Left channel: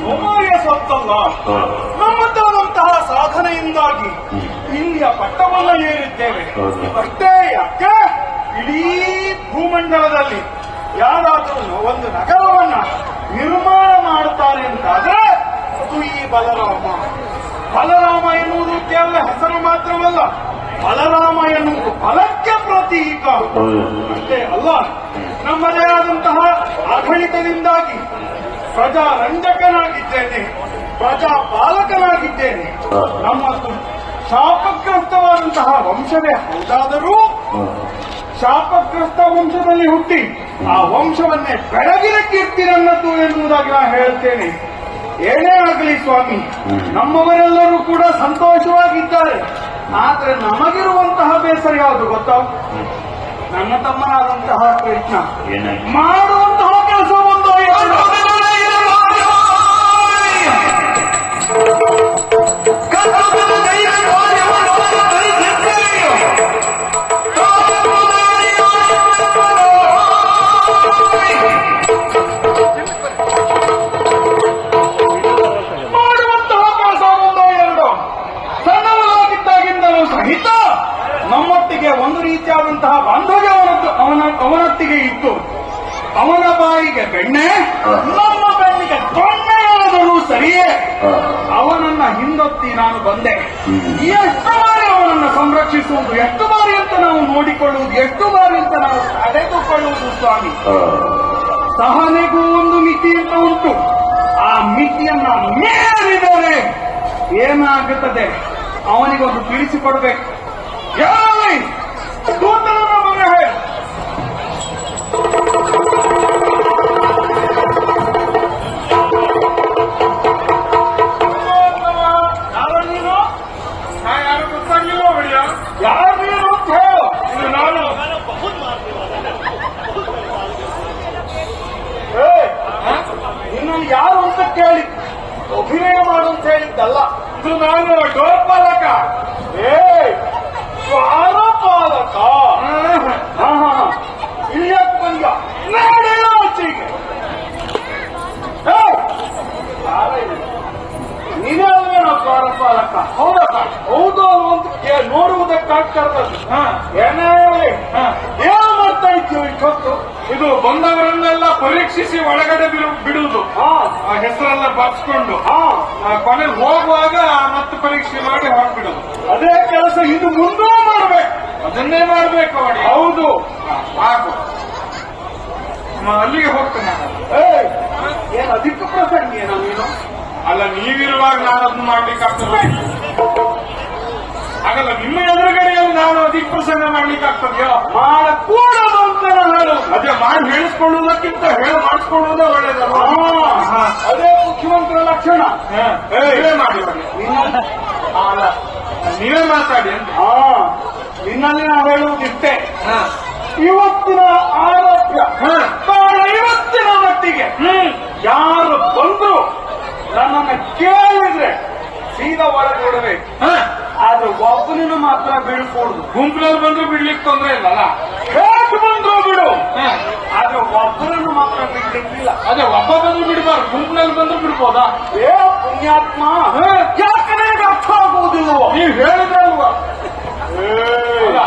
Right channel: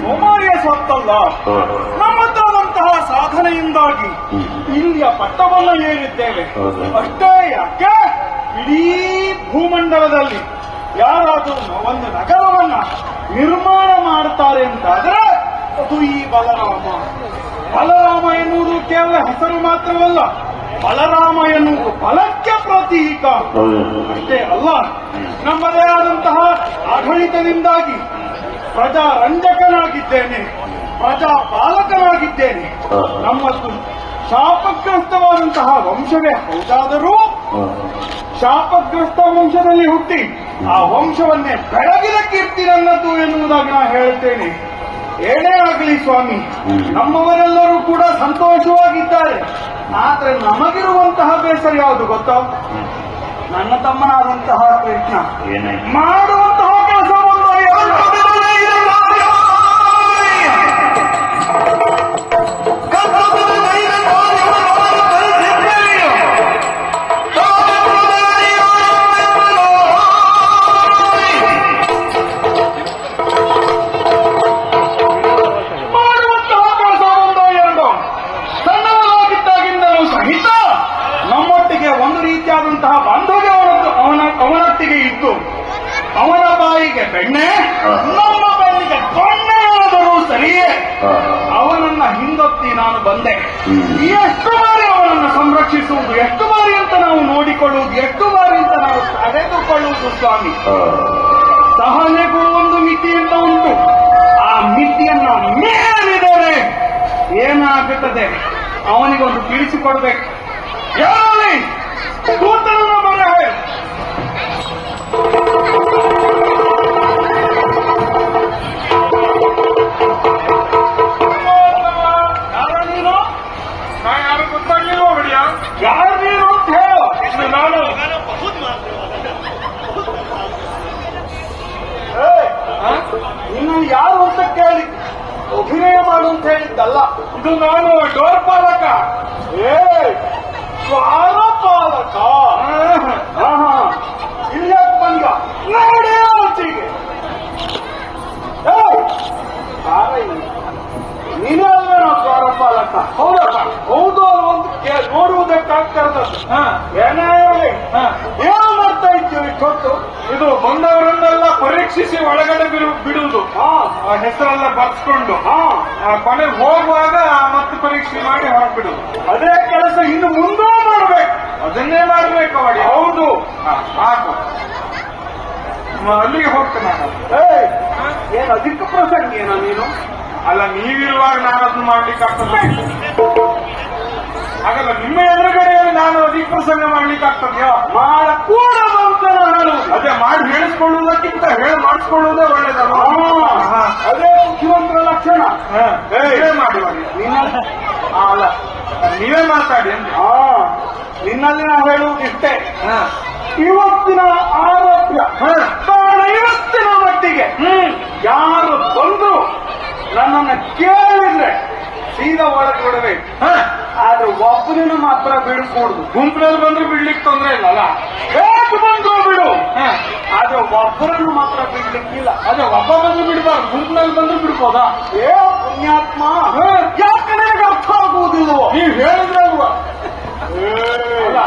ಸೋಮಾರಿಯ ಸ್ವತ್ತಲ್ಲ. ನಮ್ಮಂತಹ ಸಾಧನೆಯಿಂದಾಗಿ ಇಲ್ಲಿಯ ಪಟ್ಟವನ್ನು ಏರಿದ್ದೇವೆ. ಅಷ್ಟೇ ಯಾಕೆ ಇಡೀ ಭೂಮಂಡಲದಲ್ಲಿ ಯಾರಾದರೂ ಒಂದು ನಗರವನ್ನು ನಿರ್ಮಾಣ ಮಾಡುತ್ತಾರೆ ಎಂದಾದರೆ ಅದು ಈ ಬಲರಾಮ. ಬಲರಾಮ ಎನ್ನುವುದು ಕೇವಲ ಹೆಸರು ಮಾತ್ರವಲ್ಲ, ಬಲರಾಮ ಎನ್ನುವುದು ಬಲಕ್ಕೆ ಪ್ರತೀಕ. ಅಷ್ಟೇ ಅಲ್ಲ, ನಮ್ಮದೇ ಆದಂತಹ ಆಡಳಿತದಿಂದಾಗಿ ಪ್ರಜಾರಂಜಕನಾಗಿದ್ದೇನೆ, ಪ್ರಜಾ ಪಾಲಕನಾಗಿದ್ದೇನೆ. ನಮ್ಮದು ಶಾಪಗ್ರಸ್ತವಾದಂತಹ ವಂಶವೇ ಹೌದಾದರೂ ಶಾಪಗ್ರಸ್ತ ವಂಶದಲ್ಲಿ ಹುಟ್ಟಿ ಆ ವಂಶವನ್ನೇ ಬೆಳಗಿನ ಕೀರ್ತಿ ನನ್ನದು ಎನ್ನುವುದಾಗಿ ನಾನು ಹೇಳುತ್ತೇನೆ. ಏನೇ ಆಗಲಿ ಸ್ವಾಮಿ, ನಮ್ಮವರೆಲ್ಲರೂ ಕೂಡ ಸಂತೋಷವಾಗಿದ್ದಾರೆ. ಆದರೆ ನಮಗಿರುವಂತಹ ಬೇಸರ ಯಾವುದು ಗೊತ್ತಾ? ನನ್ನ ತಮ್ಮನಾದಂತಹ ಕೀರ್ತಿ ನಮಗಿರುವಂತಹ ಬೇಸರವನ್ನು ಒಟ್ಟಿಗೆ ಇತ್ತು ಅವನ ಬಾಯಿಗೆ ಬೆಣ್ಣೆ ನಮ್ಮ ಬಾಯಿಗೆ ಬೆಣ್ಣೆಯಾದರೂ ಸರಿಯೇ ಅವನನ್ನ ಹಿಂದೊತ್ತಿ ನಾನು ಬಂದೆ. ಎಷ್ಟು ಬಾರಿ ಅವನನ್ನು ಸಂರಕ್ಷಿಸುವುದು, ಎಷ್ಟು ಬಾರಿ ಅಂತ ನಾವು ನೋಡಿಕೊಳ್ಳುವುದು, ಎಷ್ಟು ಬಾರಿ ಅಂತ ನಾವು ತಡೆದುಕೊಳ್ಳುವುದು ಸ್ವಾಮಿ. ಸಹನೆಗೂ ಒಂದು ಮಿತಿಯನ್ನು ಉಂಟು. ಆ ಮಿತಿಯನ್ನು ಮೀರಿದರೆ ಏನಾಗುತ್ತದೆ ಅವನಿಗೊಂದು ತಿಳಿಸಿಕೊಡ್ಬೇಕು. ಯಾರು ನೀನು ಅಂತ ಹೇಳು. ನಿನ್ನನ್ನು ಯಾರು ಅಂತ ಕೇಳಿ ಅಭಿನಯ ಮಾಡು ಅಂತ ಹೇಳಿದ್ದಲ್ಲ. ಇದು ನಾನು ಡೋರ್ಪಾಲಕ. ಪಾಲಕ ಇಲ್ಲಿಯಾಕೆ ಬಂದ ನೀನೆಲ್ಲ ಡೋರ್ಪಾಲಕ ಹೌದು ಅನ್ನುವಂತ ನೋಡುವುದಕ್ಕಾಗ್ತಿರೋದು. ಏನೇ ಏನು ಮಾಡ್ತಾ ಇದ್ದೀವಿ ಗೊತ್ತು. ಇದು ಬಂದವರನ್ನೆಲ್ಲ ಪರೀಕ್ಷಿಸಿ ಒಳಗಡೆ ಬಿಡುವುದು, ಆ ಹೆಸರೆಲ್ಲ ಬರ್ಸ್ಕೊಂಡು ಕೊನೆ ಹೋಗುವಾಗ ಮತ್ತೆ ಪರೀಕ್ಷೆ ಮಾಡಿ ಹೋಗ್ಬಿಡುದು. ಅದೇ ಕೆಲಸ ಇನ್ನು ಮುಂದೆ ಮಾಡ್ಬೇಕು. ಅದನ್ನೇ ಮಾಡ್ಬೇಕು ಅವಳಿ. ಹೌದು ಸಾಕು. ಅಲ್ಲಿಗೆ ಹೋಗ್ತಾನೆ. ಏನು ಅಧಿಕ ಪ್ರಸಂಗ ನೀನು ಅಲ್ಲ. ನೀವಿರುವಾಗ ನಾನು ಅದನ್ನು ಮಾಡ್ಲಿಕ್ಕೆ ಆಗ್ತದೆ. ಹಾಗಲ್ಲ ನಿಮ್ಮ ಎದುರುಗಡೆ ನಾವು ಅಧಿಕ ಪ್ರಸಂಗ ಮಾಡ್ಲಿಕ್ಕೆ ಆಗ್ತದ್ಯಾ? ನಾಳೆ ಕೂಡ ಅದೇ ಮಾಡಿ ಹೇಳಿಸ್ಕೊಳ್ಳೋದಕ್ಕಿಂತ ಹೇಳಿ ಮಾಡಿಸ್ಕೊಳ್ಳೋದೇ ಒಳ್ಳೇದಲ್ಲ. ಅದೇ ಮುಖ್ಯಮಂತ್ರಿ ಲಕ್ಷಣ. ಅಲ್ಲ ನೀವೇ ಮಾತಾಡಿ. ನಿನ್ನೆಲ್ಲ ಹೇಳುವುದಿಷ್ಟೇ. ಇವತ್ತಿನ ಆರೋಗ್ಯ ಇವತ್ತಿನ ಮಟ್ಟಿಗೆ ಯಾರು ಬಂದ್ರು ನನ್ನನ್ನು ಕೇಳಿದ್ರೆ ಸೀದಾ ಒಳಗೆ ಕೊಡಬೇಕು. ಆದ್ರೆ ಒಬ್ಬನನ್ನು ಮಾತ್ರ ಬಿಡಿಸ್ಕೊಡುದು. ಗುಂಪಲ್ಲಿ ಬಂದ್ರೆ ಬಿಡ್ಲಿಕ್ಕೆ ತೊಂದರೆ ಇಲ್ಲ. ಹೇಗೆ ಬಂದು ಬಿಡು. ಆದ್ರೆ ಒಬ್ಬರನ್ನು ಮಾತ್ರ ಬಿಡ್ಲಿಕ್ಕಿಲ್ಲ. ಅದೇ ಒಬ್ಬ ಬಂದು ಬಿಡ್ಬಾರ್ದು. ಗುಂಪಿನಲ್ಲಿ ಬಂದ್ರೆ ಬಿಡ್ಬೋದಾ? ಪುಣ್ಯಾತ್ಮ ಯಾಕೆ ನನಗೆ ಅರ್ಥ ಆಗುವುದಿಲ್ಲ. ನೀವು ಹೇಳಿದೆ ಅಲ್ವಾ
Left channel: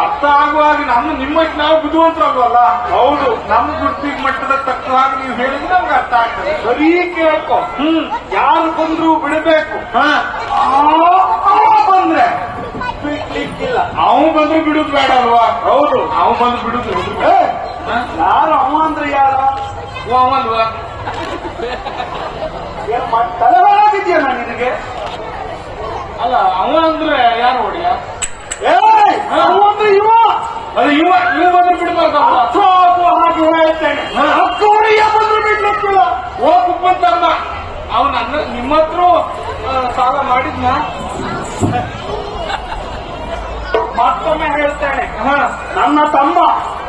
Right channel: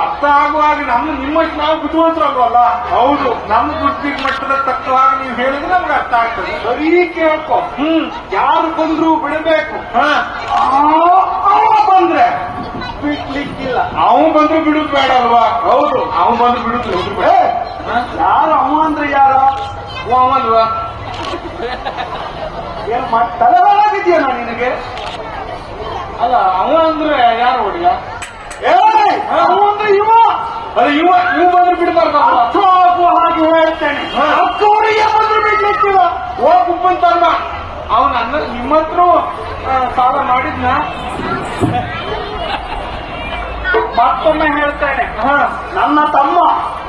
ಅರ್ಥ ಆಗುವಾಗ ನಮ್ಮ ನಿಮ್ಮಷ್ಟು ನಾವು ಬುದ್ಧಿವಂತರಲ್ಲ. ಹೌದು ನನ್ನ ಬುದ್ಧಿ ಮಟ್ಟದ ತಕ್ಕ ಹಾಗೆ ನೀವು ಹೇಳಿದ್ರೆ ನಮ್ಗೆ ಅರ್ಥ ಆಗ್ತದೆ. ಬರೀ ಕೇಳ್ತದೆ. ಯಾರು ದುಡಿದು ಬಿಡಬೇಕು. ಬಂದ್ರೆ ಬಿಡ್ಲಿಕ್ಕಿಲ್ಲ. ನಾವು ಬಂದ್ರು ಬಿಡುದು ಬೇಡ ಅಲ್ವಾ? ಹೌದು ನಾವು ಬಂದು ಬಿಡುದು. ನಾನು ಅವ ಅಂದ್ರೆ ಯಾರು ಅಲ್ವಾ? ತಲೆಗಾಗಿದೆಯಲ್ಲ ನಿನಗೆ. ಅವ ಅಂದ್ರೆ ಯಾರು ಹುಡುಗ? ಹಾಗೆ ಹೇಳ್ತೇನೆ. ಬಂತಲ್ಲ ಅವನ ನಿಮ್ಮ ಹತ್ರ ಸಾಲ ಮಾಡಿದ್ನ. ಮತ್ತೊಮ್ಮೆ ಹೇಳ್ತೇನೆ, ನನ್ನ ತಮ್ಮ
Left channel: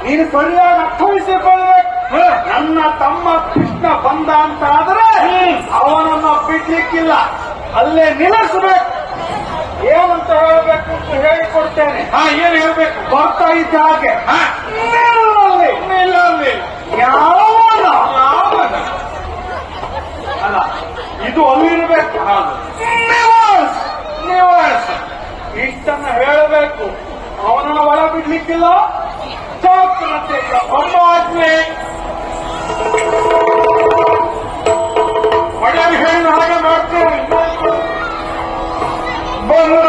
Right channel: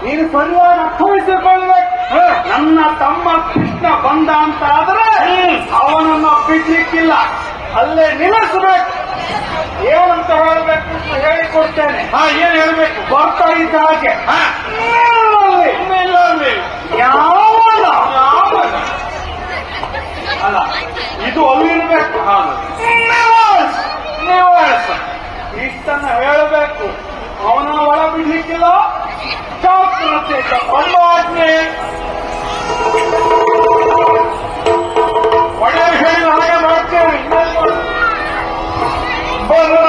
ನೀನು ಸರಿಯಾಗಿ ಅರ್ಥೈಸಿಕೊಳ್ಳಬೇಕು. ನನ್ನ ತಮ್ಮ ಕೃಷ್ಣ ಬಂದ ಅಂತ ಆದ್ರೆ ಅವನನ್ನು ಬಿಡ್ಲಿಕ್ಕಿಲ್ಲ, ಅಲ್ಲೇ ನಿಲ್ಲಿಸಬೇಕು. ಏನಂತ ಹೇಳಬೇಕು ಅಂತ ಹೇಳಿಕೊಡ್ತೇನೆ. ಏನ್ ಹೇಳ್ಬೇಕು? ಬರ್ತಾ ಇದ್ದ ಹಾಗೆ ಇದು ಒಮ್ಮಿರಬೇಕು. ಇಷ್ಟನ್ನ ಹೇಳಬೇಕು. ಅವನು ಬಿಡ್ಲಿಕ್ಕಿಲ್ಲ. ಪರಮಾತ್ಮೆ ಒಳ್ಳೆ ವಿಷಯ ಮಾಡ್ತೇವೆ. Thank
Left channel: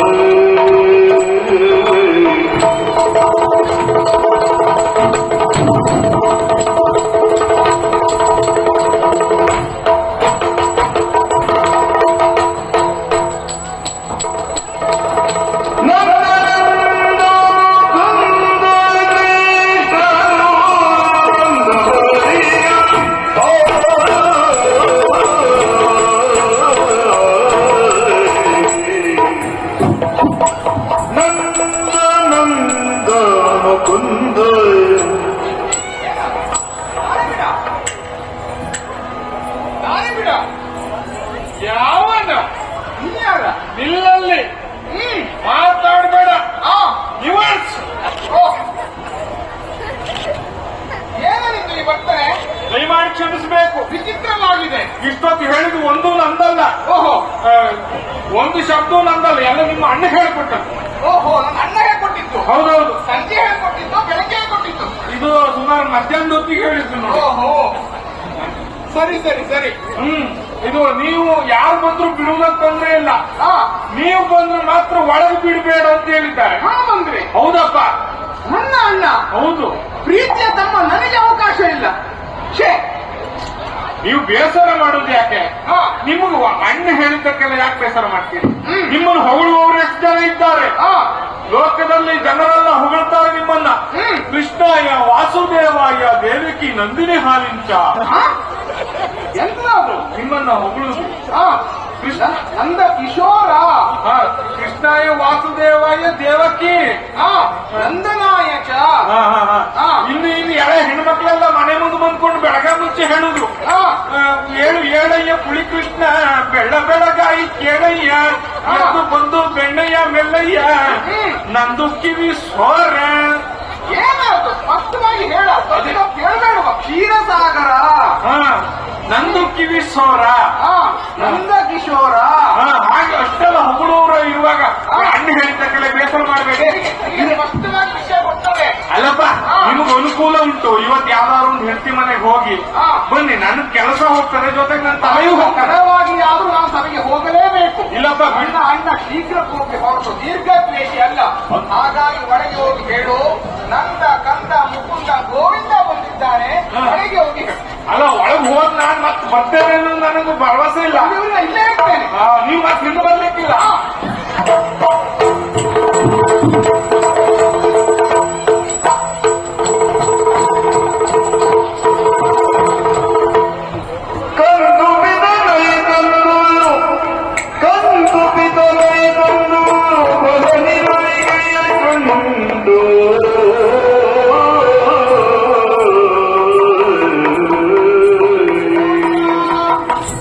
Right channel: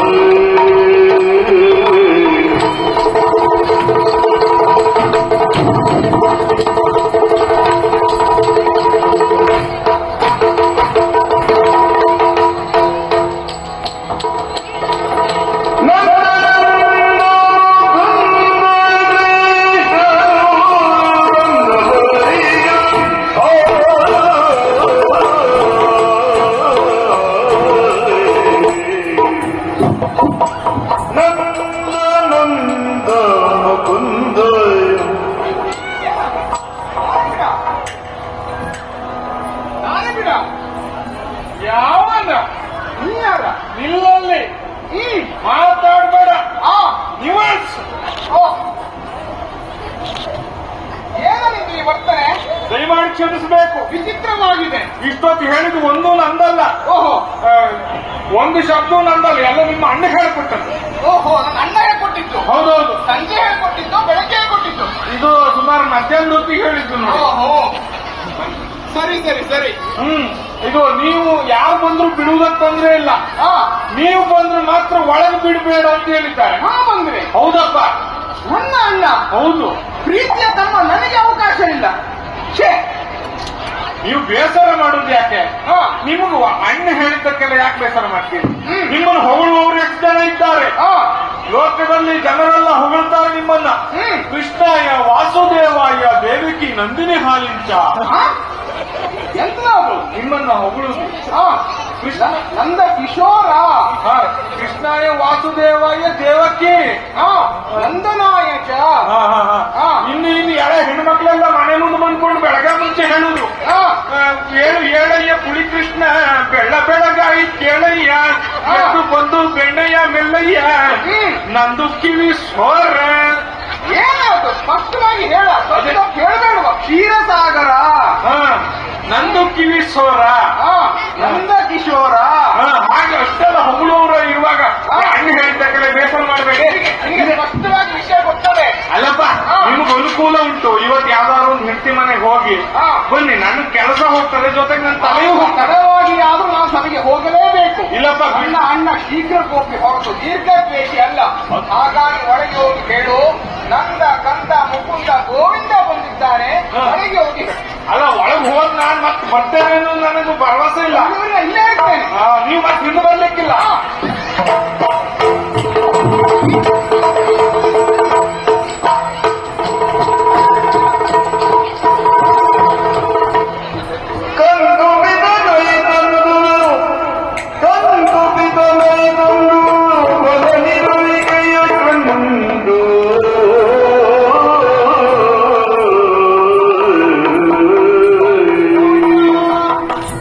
you. ಮಾತಾಡಬೇಡ, ನಿವಾರಿಸು. ಏನಾಗಿದೆ ಈ ವರ್ತನೆ? ದಯಮಾಡಿ ಕ್ಷಮಿಸಬೇಕು, ವಿಚಿತ್ರವಾಗಿದೆ. ಇಷ್ಟೊತ್ತು ಹೇಳಿದ್ದು ಒಂದು ನಂದಲ್ಲ, ಓಹೋ ಒಂದು ಶಬ್ದ ನಂದಲ್ಲ, ಎಲ್ಲ ನಿಮ್ಮ ಅಣ್ಣ ಹೇಳ್ಕೊಟ್ಟದ್ದು. ಓಹೋ, ನನ್ನಗೆ ಕೊಟ್ಟಿತ್ತು. ಹೌದೌದು, ಸಂಜೆ ಹೇಳ್ಕೊಟ್ಟಿತ್ತು, ಬೆಳಗ್ಗೆ ಕೊಟ್ಟಿತ್ತು. ಇದು ಸುಮಾರು ಮಧ್ಯಾಹ್ನ ಹೊತ್ತಿಗೆ ಹೇಳಿದ್ದು ನೋಡಿ. ಓಹೋ, ಸರಿ ಸರಿ ಸರಿ. ಇದು ನೀವು ಯಾರು ಬಂದ್ರು ಬಿಡುವುದಕ್ಕೆ ತೊಂದರೆ ಇಲ್ಲ, ಆ, ನೀವು ಬಂದ್ರೆ ಮಾತ್ರ ಒಳಗೆ ಬಿಡಬೇಡ ಅಂತ ಹೇಳಿದ್ದಾರೆ. ಅಂದ್ರೆ ಹೌದಪ್ಪ, ನನ್ನ ಅಣ್ಣ ಹೌದು. ಪ್ರೀತಿಯ ತಮ್ಮ ನನಗೆ ಅವಕಾಶ ಇಲ್ಲ. ಛೇ, ನೀವು ಬೇಸರ ಮಾಡೋದು ಯಾಕೆ? ಆ, ನಿಮ್ಗೆ ಅಣ್ಣ ಹೇಳಿದ್ದಕ್ಕೆಲ್ಲ ಯಾಕೆ ಬೇಸರ ಮಾಡ್ತೀರಿ? ನಿಮ್ಮನ್ನು ಹೊಗಳುವವರು ಎಷ್ಟು ಜನ ಇದ್ದಾರೆ. ಆ, ಲೋಕದಲ್ಲಿ ಜನರೆಲ್ಲ ಹೊಗಳ್ತಾರೆ ನಿಮ್ಮನ್ನ. ಕೃಷ್ಣಾಯ ವಾಸುದೇವಾಯ ದೇವಕಿ ನಂದಿನಿ ಹಾಲಿಂಚ ಎಂತಾದ್ರು ನಿಮ್ಮನ್ನ ಹೊಗಳುವುದು. ಆ, ಕೃಷ್ಣ ನಂದ ಕಿಶೋರ. ಕೃಷ್ಣಾಯ ವಾಸುದೇವಾಯ ದೇವಕಿ. ಆ, ನಂದನಾಯಕ. ಇನ್ನು ಎರಡು ಹೆಣ್ಮಕ್ಳೆಲ್ಲ ಮನೆ ಮುಂದೆ ಬಂದ್ಕೊಂಡು ಬೆಳಗ ಮುಂಚೆ ಹೇಳಿದ್ರು, ಏಳು ಏಳಯ್ಯ ತುಳಿ ಕೃಷ್ಣ ಬೆಳ ಬೆಳಗಾಯಿ ಕೇಳಯ್ಯ ಎದ್ದು ಬಂದು ಬೆಣ್ಣಯ್ಯ ಮೆಲ್ಲಯ್ಯ ನಂದು ಕಿವಿ ಸ್ವರ. ಏನದು ಸ್ಪಷ್ಟವಾಗಿ ಹೇಳ, ಕೇಳಬೇಡುವ. ಕ್ಷೀರಸಾಗರ. ನಂದು ಕಿವಿ ಸ್ವರ. ನಂದ ಕಿಶೋರ. ಹಾಗೆ ಎಷ್ಟೆಲ್ಲ ಉಪಯೋಗ ಇರುವಾಗ ಹಂಗೆ ಹೇಳ್ತಕ್ಕಲ್ಲ ಬೇಸರ ಮಾಡಬೇಡಿ. ಸ್ಪಷ್ಟವಾಗಿ ವಿಷಯ ಕೊಡ್ತಾರೆ. ಅಲ್ಲಪ್ಪ, ನಿಮ್ಗೆ ಅನುಕೂಲ ಉಂಟು, ಇವತ್ತು ಯಾವ್ದಾದ್ರು ಒಂದು ಹೆಂಡತಿ ಮನೆಗೆ ಹೋಗಿ ಬನ್ನಿ, ನನ್ನ ಕೆಲಸ ಹೋಗ್ತದೆ, ಜೊತೆಗೆ ನನ್ನ ತಾಯಿ ಹೋಗ್ತಾರೆ. ತಡವಾಗಿ ಆದ್ರೂ ನಾವು ಸಭೆಗೆ ಹೋಗಲೇಬೇಕು. ಇಲ್ಲಪ್ಪ, ನನ್ನ ಅಣ್ಣ ಶೀಘ್ರ ಹೋಗ್ಬೇಕು, ದೀರ್ಘದ್ವೇಷಿ ಅಲ್ಲ. ಹಾಗಾಗಿ ಹೊರಗೆ ಹೋಗಿ ಹೇಳು, ನಂದ ಕಂದ ಮುಕುಂದ ಗೋವಿಂದ ಬಂದಿದ್ದಾನೆ, ಹೇಗೆ ಹೋಗಿ ಅಲ್ಲ ಒಳಗೆ ಹೋಗಿ ನಾನು ಮತ್ತೆ ಬರ್ತೇನೆ ಅನ್ನೋ ನನಗೆ ಭರವಸೆ ಇಲ್ಲ. ಇಲ್ಲೇ ಇರ್ತೇನೆ. ನೀವು ಮತ್ತೆ ಇದು ಬರ್ಲಿಕ್ಕಿಲ್ಲ.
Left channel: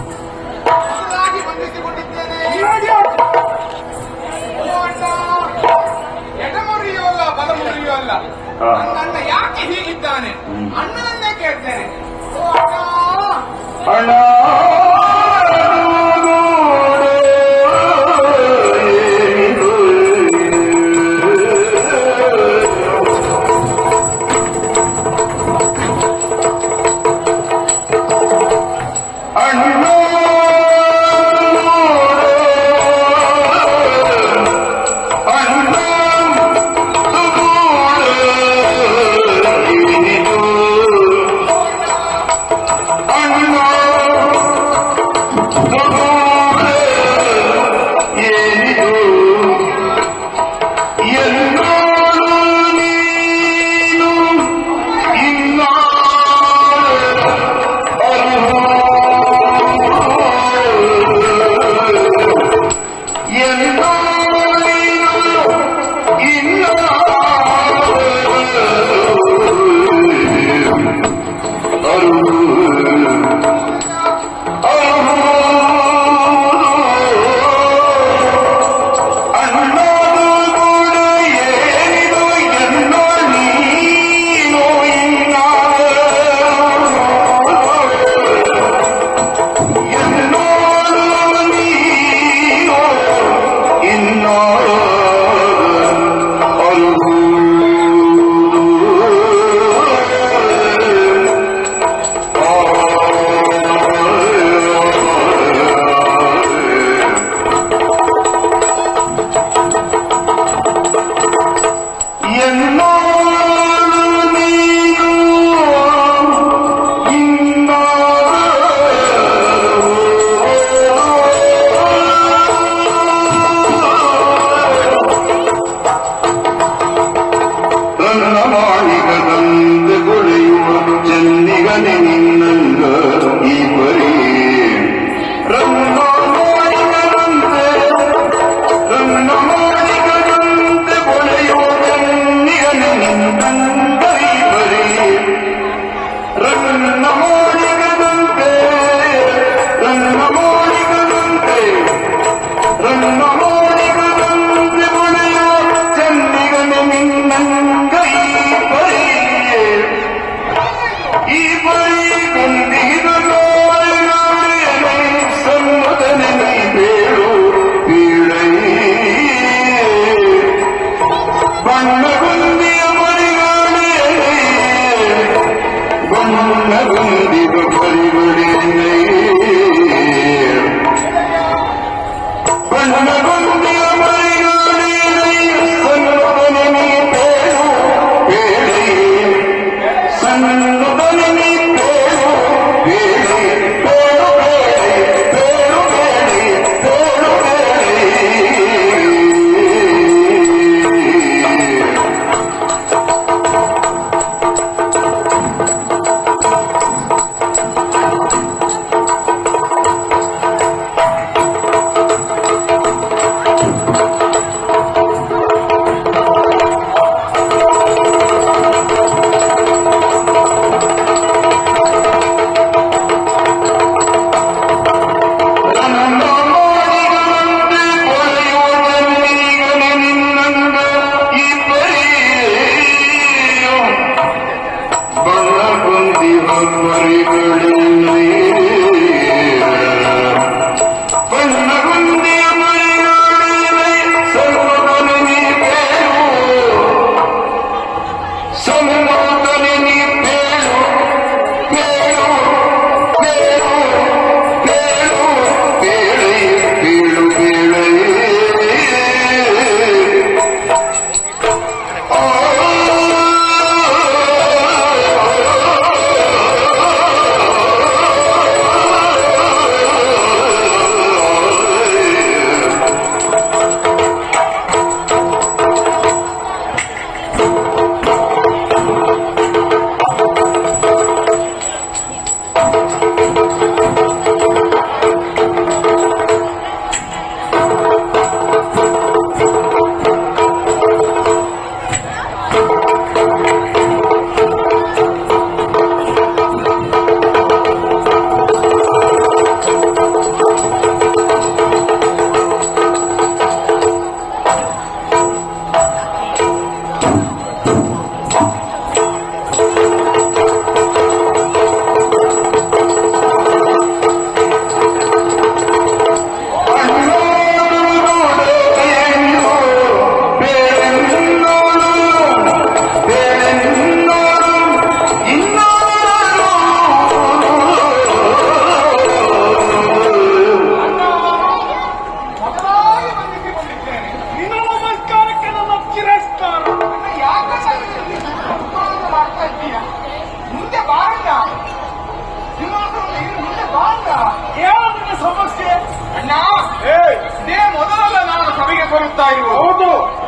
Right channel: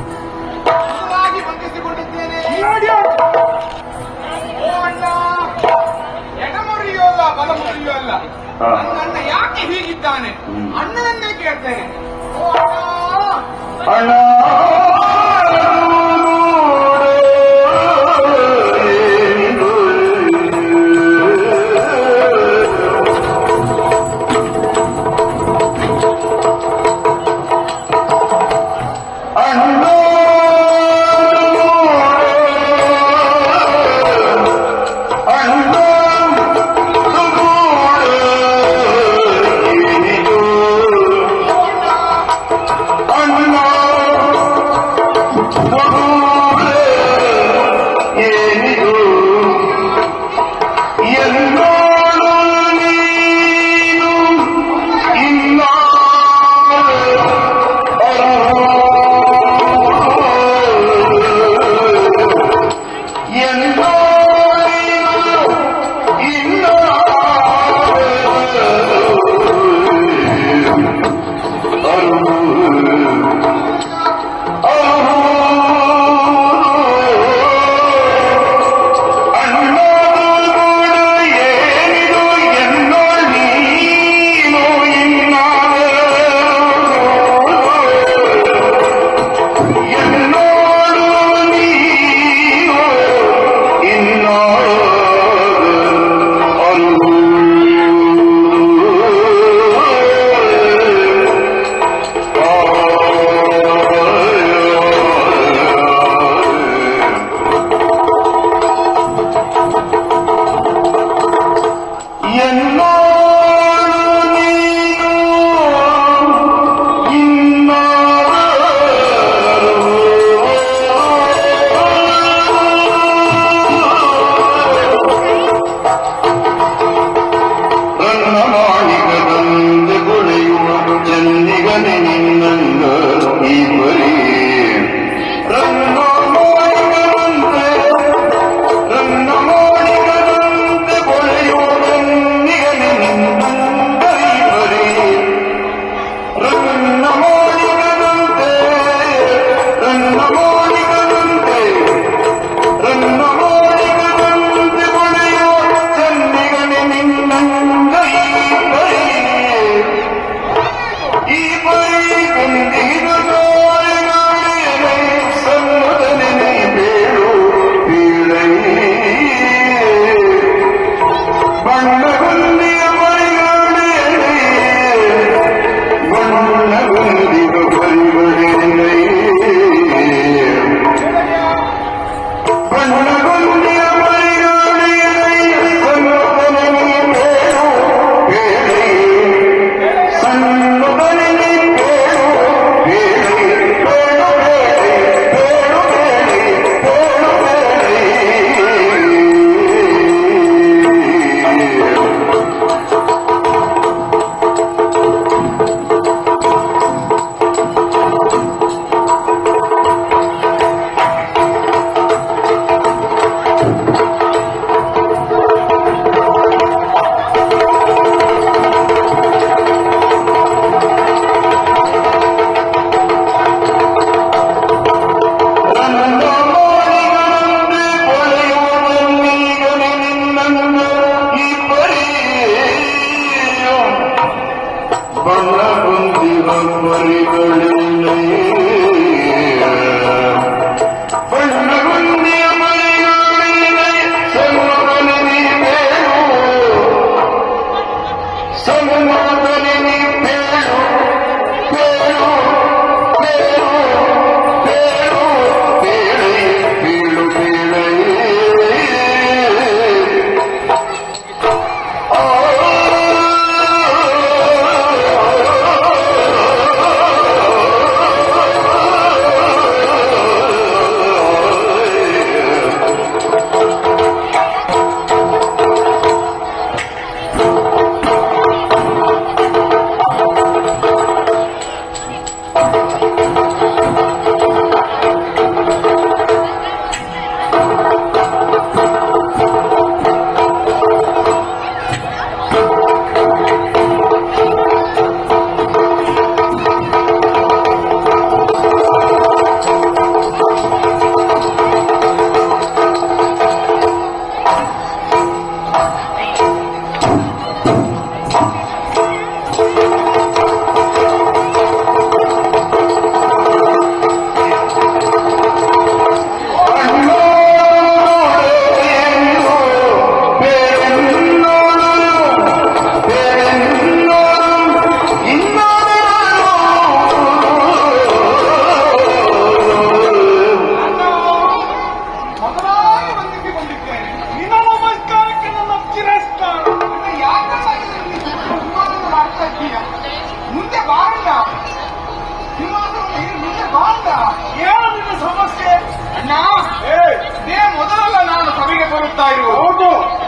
ಚೆನ್ನಾಗಿ ಬಂಧಿಸಿಕೊಂಡಿದ್ದೇನೆ. ಓ ಅಣ್ಣ, ಎಡ ಮುರಿಯೋಲ್ಲ ಬಲ ಮುರಿಯೋಲ್ಲ. ನನ್ನ ಅಣ್ಣ ಯಾಕೆ ಹೀಗಿದ್ದಾನೆ? ಅಣ್ಣನನ್ನೇ ಕೇಳ್ತೇನೆ. ಓ ಅಣ್ಣ,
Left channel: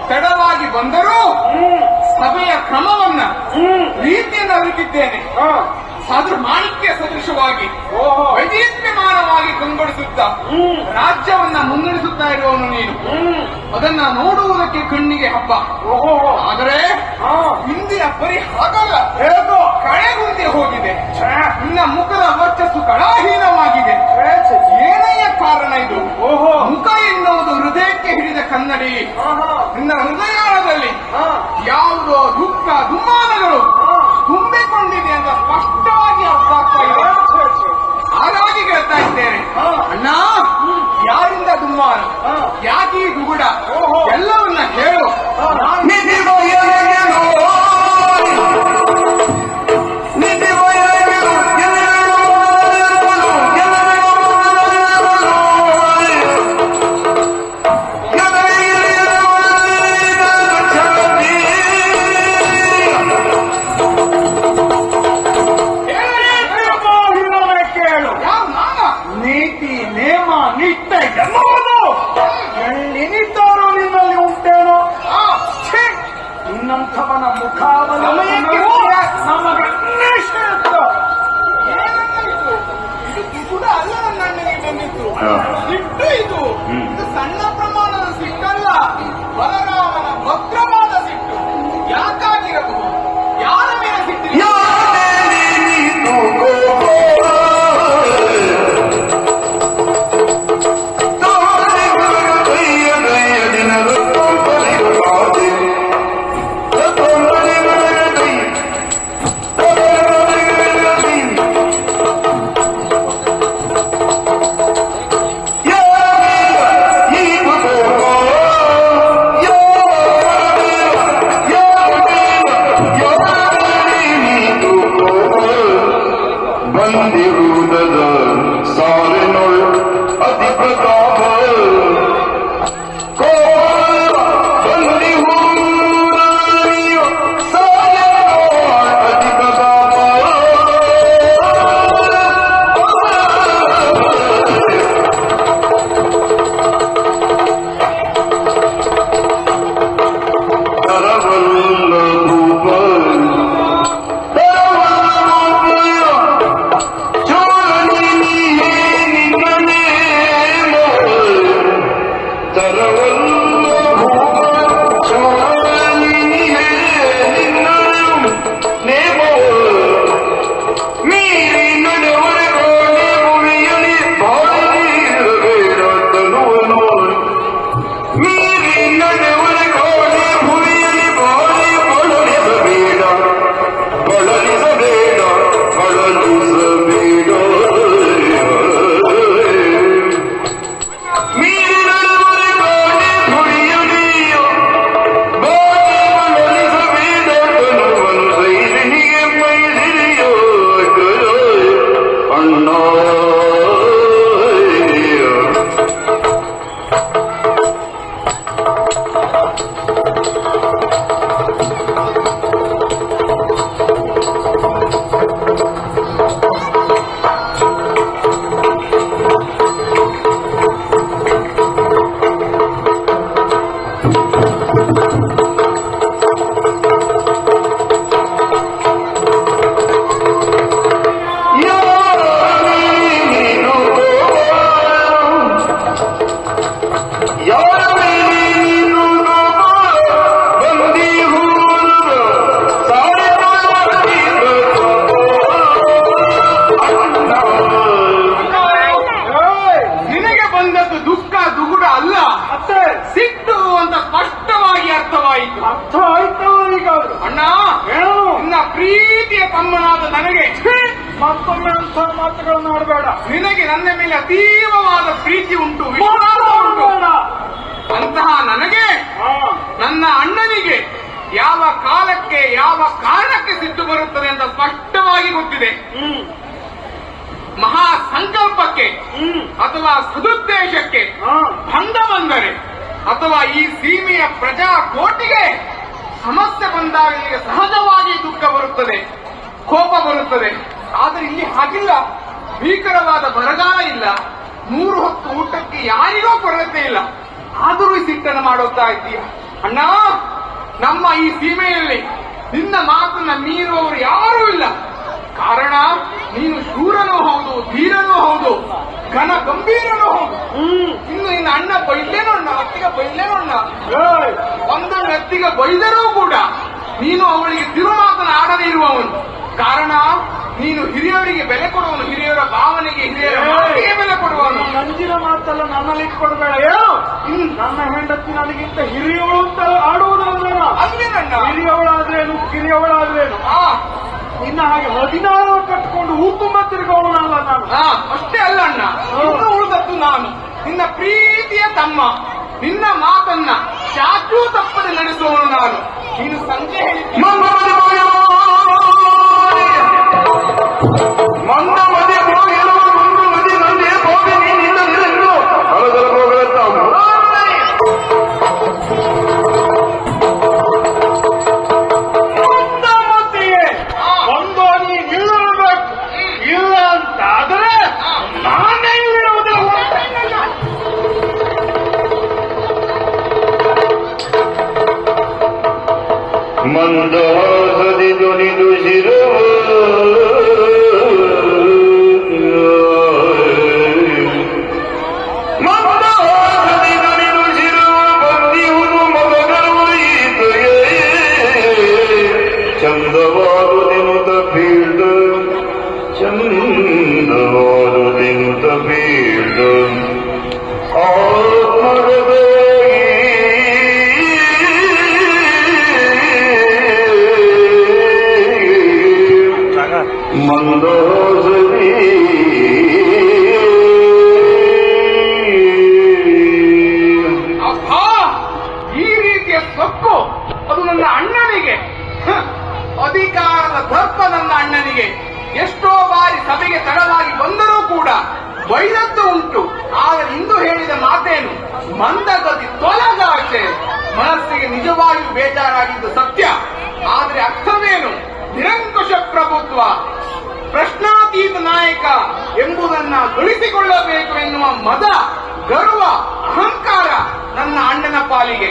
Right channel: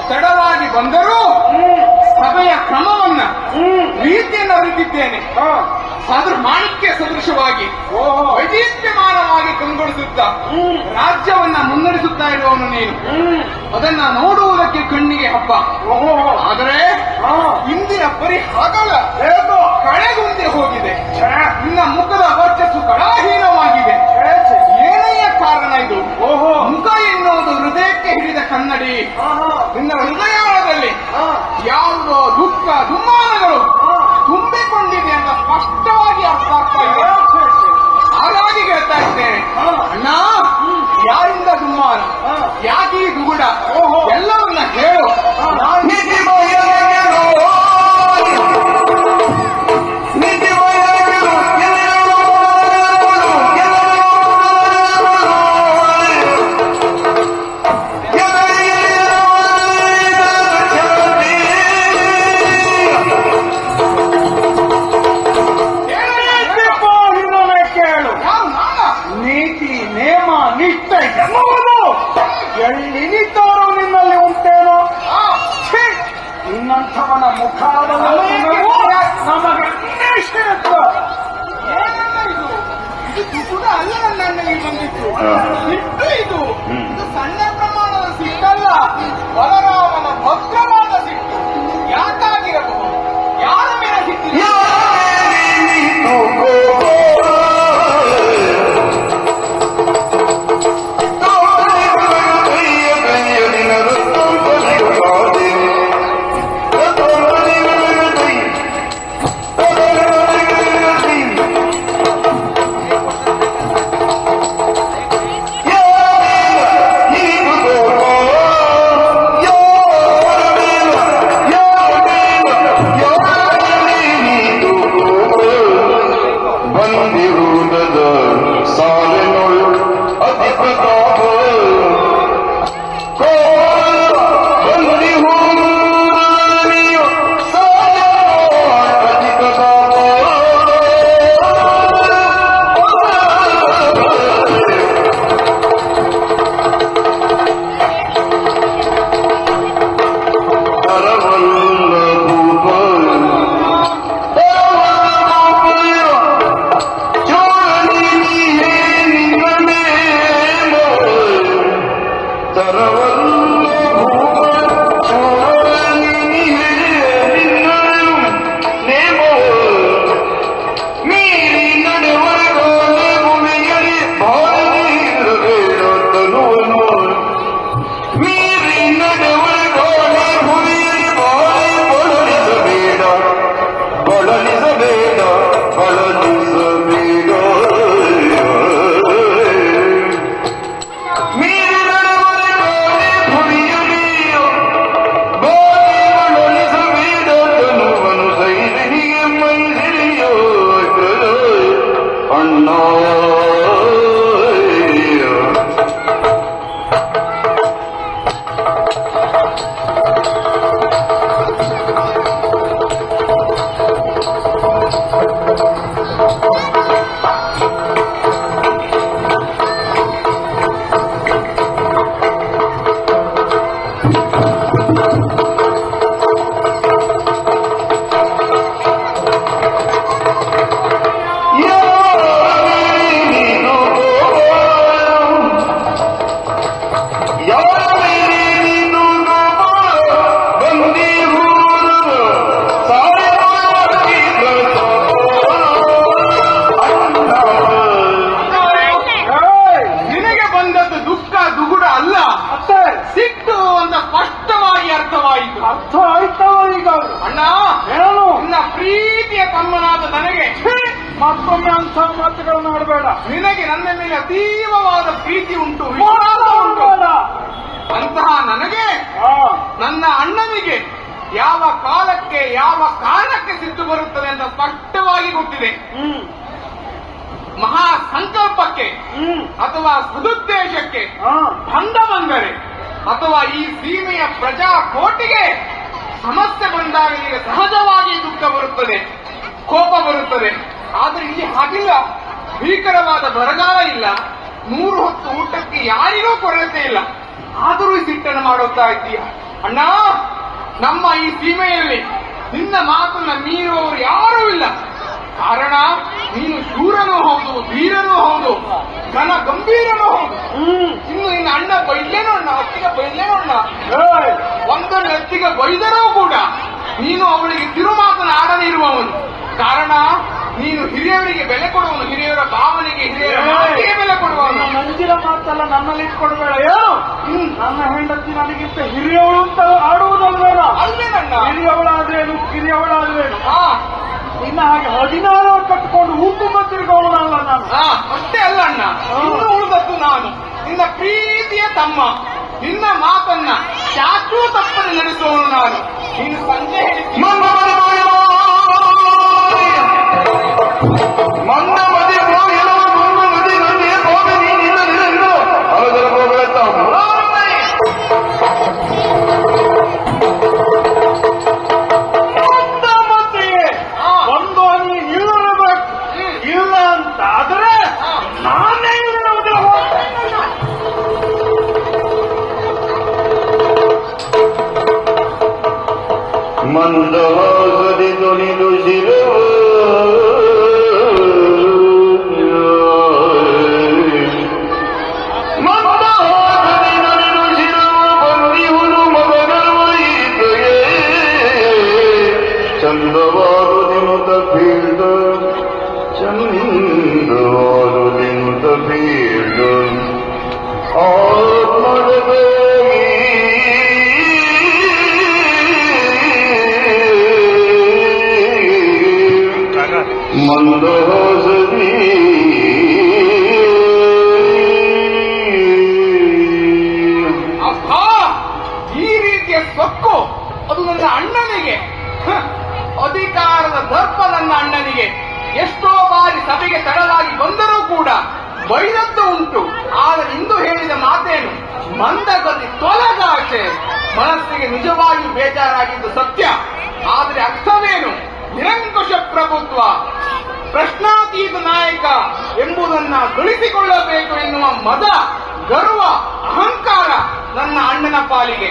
ತಡವಾಗಿ ಬಂದರೂ ಸಭೆಯ ಕ್ರಮವನ್ನ ರೀತಿಯನ್ನು ಅರಿತಿದ್ದೇನೆ. ಮಾಣಿಕ್ಯ ಸದೃಶವಾಗಿ ವೈದ್ಯಮಾನವಾಗಿ ಕಂಗೊಳಿಸುತ್ತಾ ರಾಜ್ಯವನ್ನ ಮುನ್ನಡೆಸುತ್ತಾ ಇರುವವನು ನೀನು. ಅದನ್ನ ನೋಡುವುದಕ್ಕೆ ಕಣ್ಣಿಗೆ ಹಬ್ಬ. ಆದರೆ ಇಂದಿನ ಪರಿಹಾರ ಕಳೆಗುಂದಿ ಹೋಗಿದೆ. ನಿನ್ನ ಮುಖದ ವರ್ಚಸ್ಸು ಕಳಾಹೀನವಾಗಿದೆ. ಏನೇ ಕಾರಣ ಇದು? ಮುಖ ಎನ್ನುವುದು ಹೃದಯಕ್ಕೆ ಹಿಡಿದ ಕನ್ನಡಿ. ನಿನ್ನ ಹೃದಯದಲ್ಲಿ ಯಾವ ದುಃಖ ದುಮ್ಮಾನಗಳು ತುಂಬಿಕೊಂಡಿದೆ ಅಂತ ಸ್ಪಷ್ಟವಾಗಿ ಅರ್ಥ ಆಗ್ತಾ ಇದೆ. ಹಾಗಾಗಿ ಹೇಳ್ತಾ ಇದ್ದೇನೆ, ಅಣ್ಣ, ಯಾರಿಂದ ದುಮ್ಮಾನ, ಯಾಕೀ ಗುರುಡ, ಎಲ್ಲವನ್ನ ಹೇಳು. ನೀತಿ ನೇಮ ನಿಷ್ಠ ಎಲ್ಲಿದ್ದಾರೋ ನಿಮ್ಮಲ್ಲಿ ಉಂಟೇನು? ಇನ್ನಂಥವನ ಮುಖಾದ ನಮಗೆ ಅಲ್ಲ ನನ್ನಲ್ಲಿ ಬಂದಿತ್ತು ಸಿಟ್ಟು. ಇದು ಸಣ್ಣ ಪ್ರಮಾಣದ ಸಿಟ್ಟಲ್ಲ, ಅವನ ಭದ್ರವಾದ ಸಿಟ್ಟು. ಯಾಕಾಗಿರಬಹುದು? ಯಾರ ಮೇಲೆ ಸಿಟ್ಟಿಲ್ಲ? ಬಂದಿರುವುದದ ಸಮರನು ಅತಿ ಪ್ರತಾಪ ಅತಿ ಪ್ರತಾಪ ಅರ್ಥ ಆಯ್ತಾ ಈಗ? ಅಣ್ಣ, ಹೇಳು. ನಿನ್ನ ಪ್ರೀತಿಯ ತಮ್ಮನಾದ ನನಗೆ ಮತ್ತೊಮ್ಮೆ ಅಂತ ಮಾತುಗಳನ್ನು ನೋಡಬೇಡ. ನಿನಗೆ ನನ್ನ ಮೇಲೆ ಅತೀವವಾದ ಪ್ರೀತಿ ಉಂಟು. ನೋಡಬೇಡ. ಅಂತಹ ನನಗೆ ನನ್ನ ಅಣ್ಣನಿಗೆ ಯಾವ ಕಾಲಕ್ಕೆ ಯಾವ ಕಾರಣಕ್ಕೆ ಸಿಟ್ಟು ಬರುತ್ತದೆ ಅಂತ ಸ್ಪಷ್ಟವಾಗಿ ಗೊತ್ತಿದೆ. ಮಹಾ ಸಂಕಲ್ಪಕ್ಕೆ ಅಥವಾ ಸದುದ್ದೇಶಕ್ಕೆ ಭಂಗ ಬಂದರೆ ಅಥವಾ ಈ ಸೀಮೆಯ ಪ್ರಜಾ ಕೋಟಿಗೆ ಸಮಸ್ಯೆ ಬಂದಾಗ ಸಹಜವಾಗಿ ದುಃಖ ಬರುತ್ತದೆ, ಕೋಪ ಬರುತ್ತದೆ. ಆದ್ರೆ ಇಲ್ಲಿ ಹಾಗಿಲ್ಲ. ಭೀಕರವಾದ ಬರಗಾಲ ಇಲ್ಲ, 3 ಹೊತ್ತು ಊಟಕ್ಕೆ ಯಾರಿಗೂ ಕೊರತೆ ಇಲ್ಲ. ಆದರೂ ಈ ಸಿಟ್ಟನ್ನು ಮಾಡೋಕೆ ಆಯ್ತೀಯ ಅಣ್ಣ. ನಮ್ಮ ಈ ಸೀಮೆಯಲ್ಲಿ ನಿನ್ನ ಮಾತನ್ನ ಮೀರುವವರು ಯಾರೂ ಇಲ್ಲ. ಕಾರಣ ನೀನು ಶೂರನೂ ಹೌದು, ಧೀರನೂ ಹೌದು, ಘನ ಗಂಭೀರನೂ ಹೌದು. ಇನ್ನು ನಿನ್ನ ಅಣ್ಣ ಬೈದೇನೋ ಅಣ್ಣ, ಎತ್ತಿಗೆ ಬೈದೇನೋ ಅಣ್ಣ. ಒಂದೊಂದು ಎತ್ತಿಗೆ ಬೈದರೂ ಕೂಡ ನೀನು ಅವಳಿಗೆ ತಿರು ಮಾತನಾಡದೇ ಇರುವವನು. ಕಾರಣ ನೀನು ಹಿರಿಯರಿಗೆ ಬೆಲೆ ಕೊಡುವನು, ಹಿರಿಯರ ಭಾವನೆಗೆ ಹಿರಿಯರ ಮಾತಿಗೆ ಬೆಲೆ ಕೊಡುವವನು. ಮುಂದಿನ ಮಾತೆಲ್ಲ ನಮ್ಮಲ್ಲಿ ಇಟ್ಕೊಂಡ್ರೆ ಏನು? ನನ್ನ ಹೆಂಡತಿ ನನಗಿಂತ ಹಿರಿಯವಳು ಅಂತಲ್ಲ ಆಡುವುದಲ್ಲ ನಾನು. ಅಲ್ಲೇನಣ್ಣ? ಹಿರಿಯವಳಾದ್ರೇನು ಕಿರಿಯವಳಾದ್ರೇನು ಇನ್ನ ಹಾಗೆ 16 ಕಟ್ಟಿಕೊಂಡು ಊಟಿಂದ ತಿರುಗವಳಲ್ಲ ನಾನು. ಅಷ್ಟೇ ಅಲ್ಲ ಅಣ್ಣ, ಇನ್ನು ಉಳಿದದ್ದು ನಾನು ನಿನ್ನ ಪ್ರೀತಿಯ ತಮ್ಮ. ನಿನ್ನ ಮಾತನ್ನ ಚಾಚೂ ತಪ್ಪದೆ ನಡೆಸುವನು ನಾನು. ನೀನು ಸಂಜೆ ಇಲ್ಲ ಅಂತಾದ್ರೆ ಮಂದಹಾಸದಿ ನುಡಿದು ಶಿರವ ಮಂದಹಾಸದಿ ನುಡಿದು ಶಿರವ ಬಂದಿಹುದು ಮಗನರು ಈತಯೇ ಚಂದವಾದುದಿನುತ ಬೀಳ್ದ ಚಂದವಾದುದಿನುತ ಬೀಳ್ದ ಆತ್ಮರದೇ ಮಂದಹಾಸದಿ ಈ ರೀತಿಯ ಸೊಕ್ಕು ಅದು ನನ್ನ ಅಣ್ಣನಿಗೆ. ಅಧಿಕಾರದ ದರ್ಪ ನನ್ನ ಅಣ್ಣನಿಗೆ. ಎಷ್ಟೋ ಬಾರಿ ಸಭೆಗೆ ತಡವಾಗಿ ಬಂದರೂ ಕೂಡ ಬೈದದ್ದು ಉಂಟು. ಆದರೆ ಇಂದು ಹೇಳಿದ ಮಾತೇನು? ಮಂದಗತಿ ತೋಲಂಗಾಚೆ. ಮನಸ್ಸಿಗೆ ನಿಜವಾಗಿಯೂ ಬೇಜಾರಾಗಿದ್ದು ಸತ್ಯ. ಆದರೆ ಅರ್ಥವೇನು? ನಿರಂಕುಶ ಪ್ರಭುತ್ವ, ಪ್ರಶ್ನಾತೀತ ನಾಯಕ ಎಂಬುದನ್ನ ಉಳಿಸಿಕೊಳ್ಳಬೇಕು ಎನ್ನುವ ಮದ, ಗರ್ವ, ಅಹಂಕಾರ ನನ್ನ ಅಣ್ಣನ ಪಾಲಿಗೆ.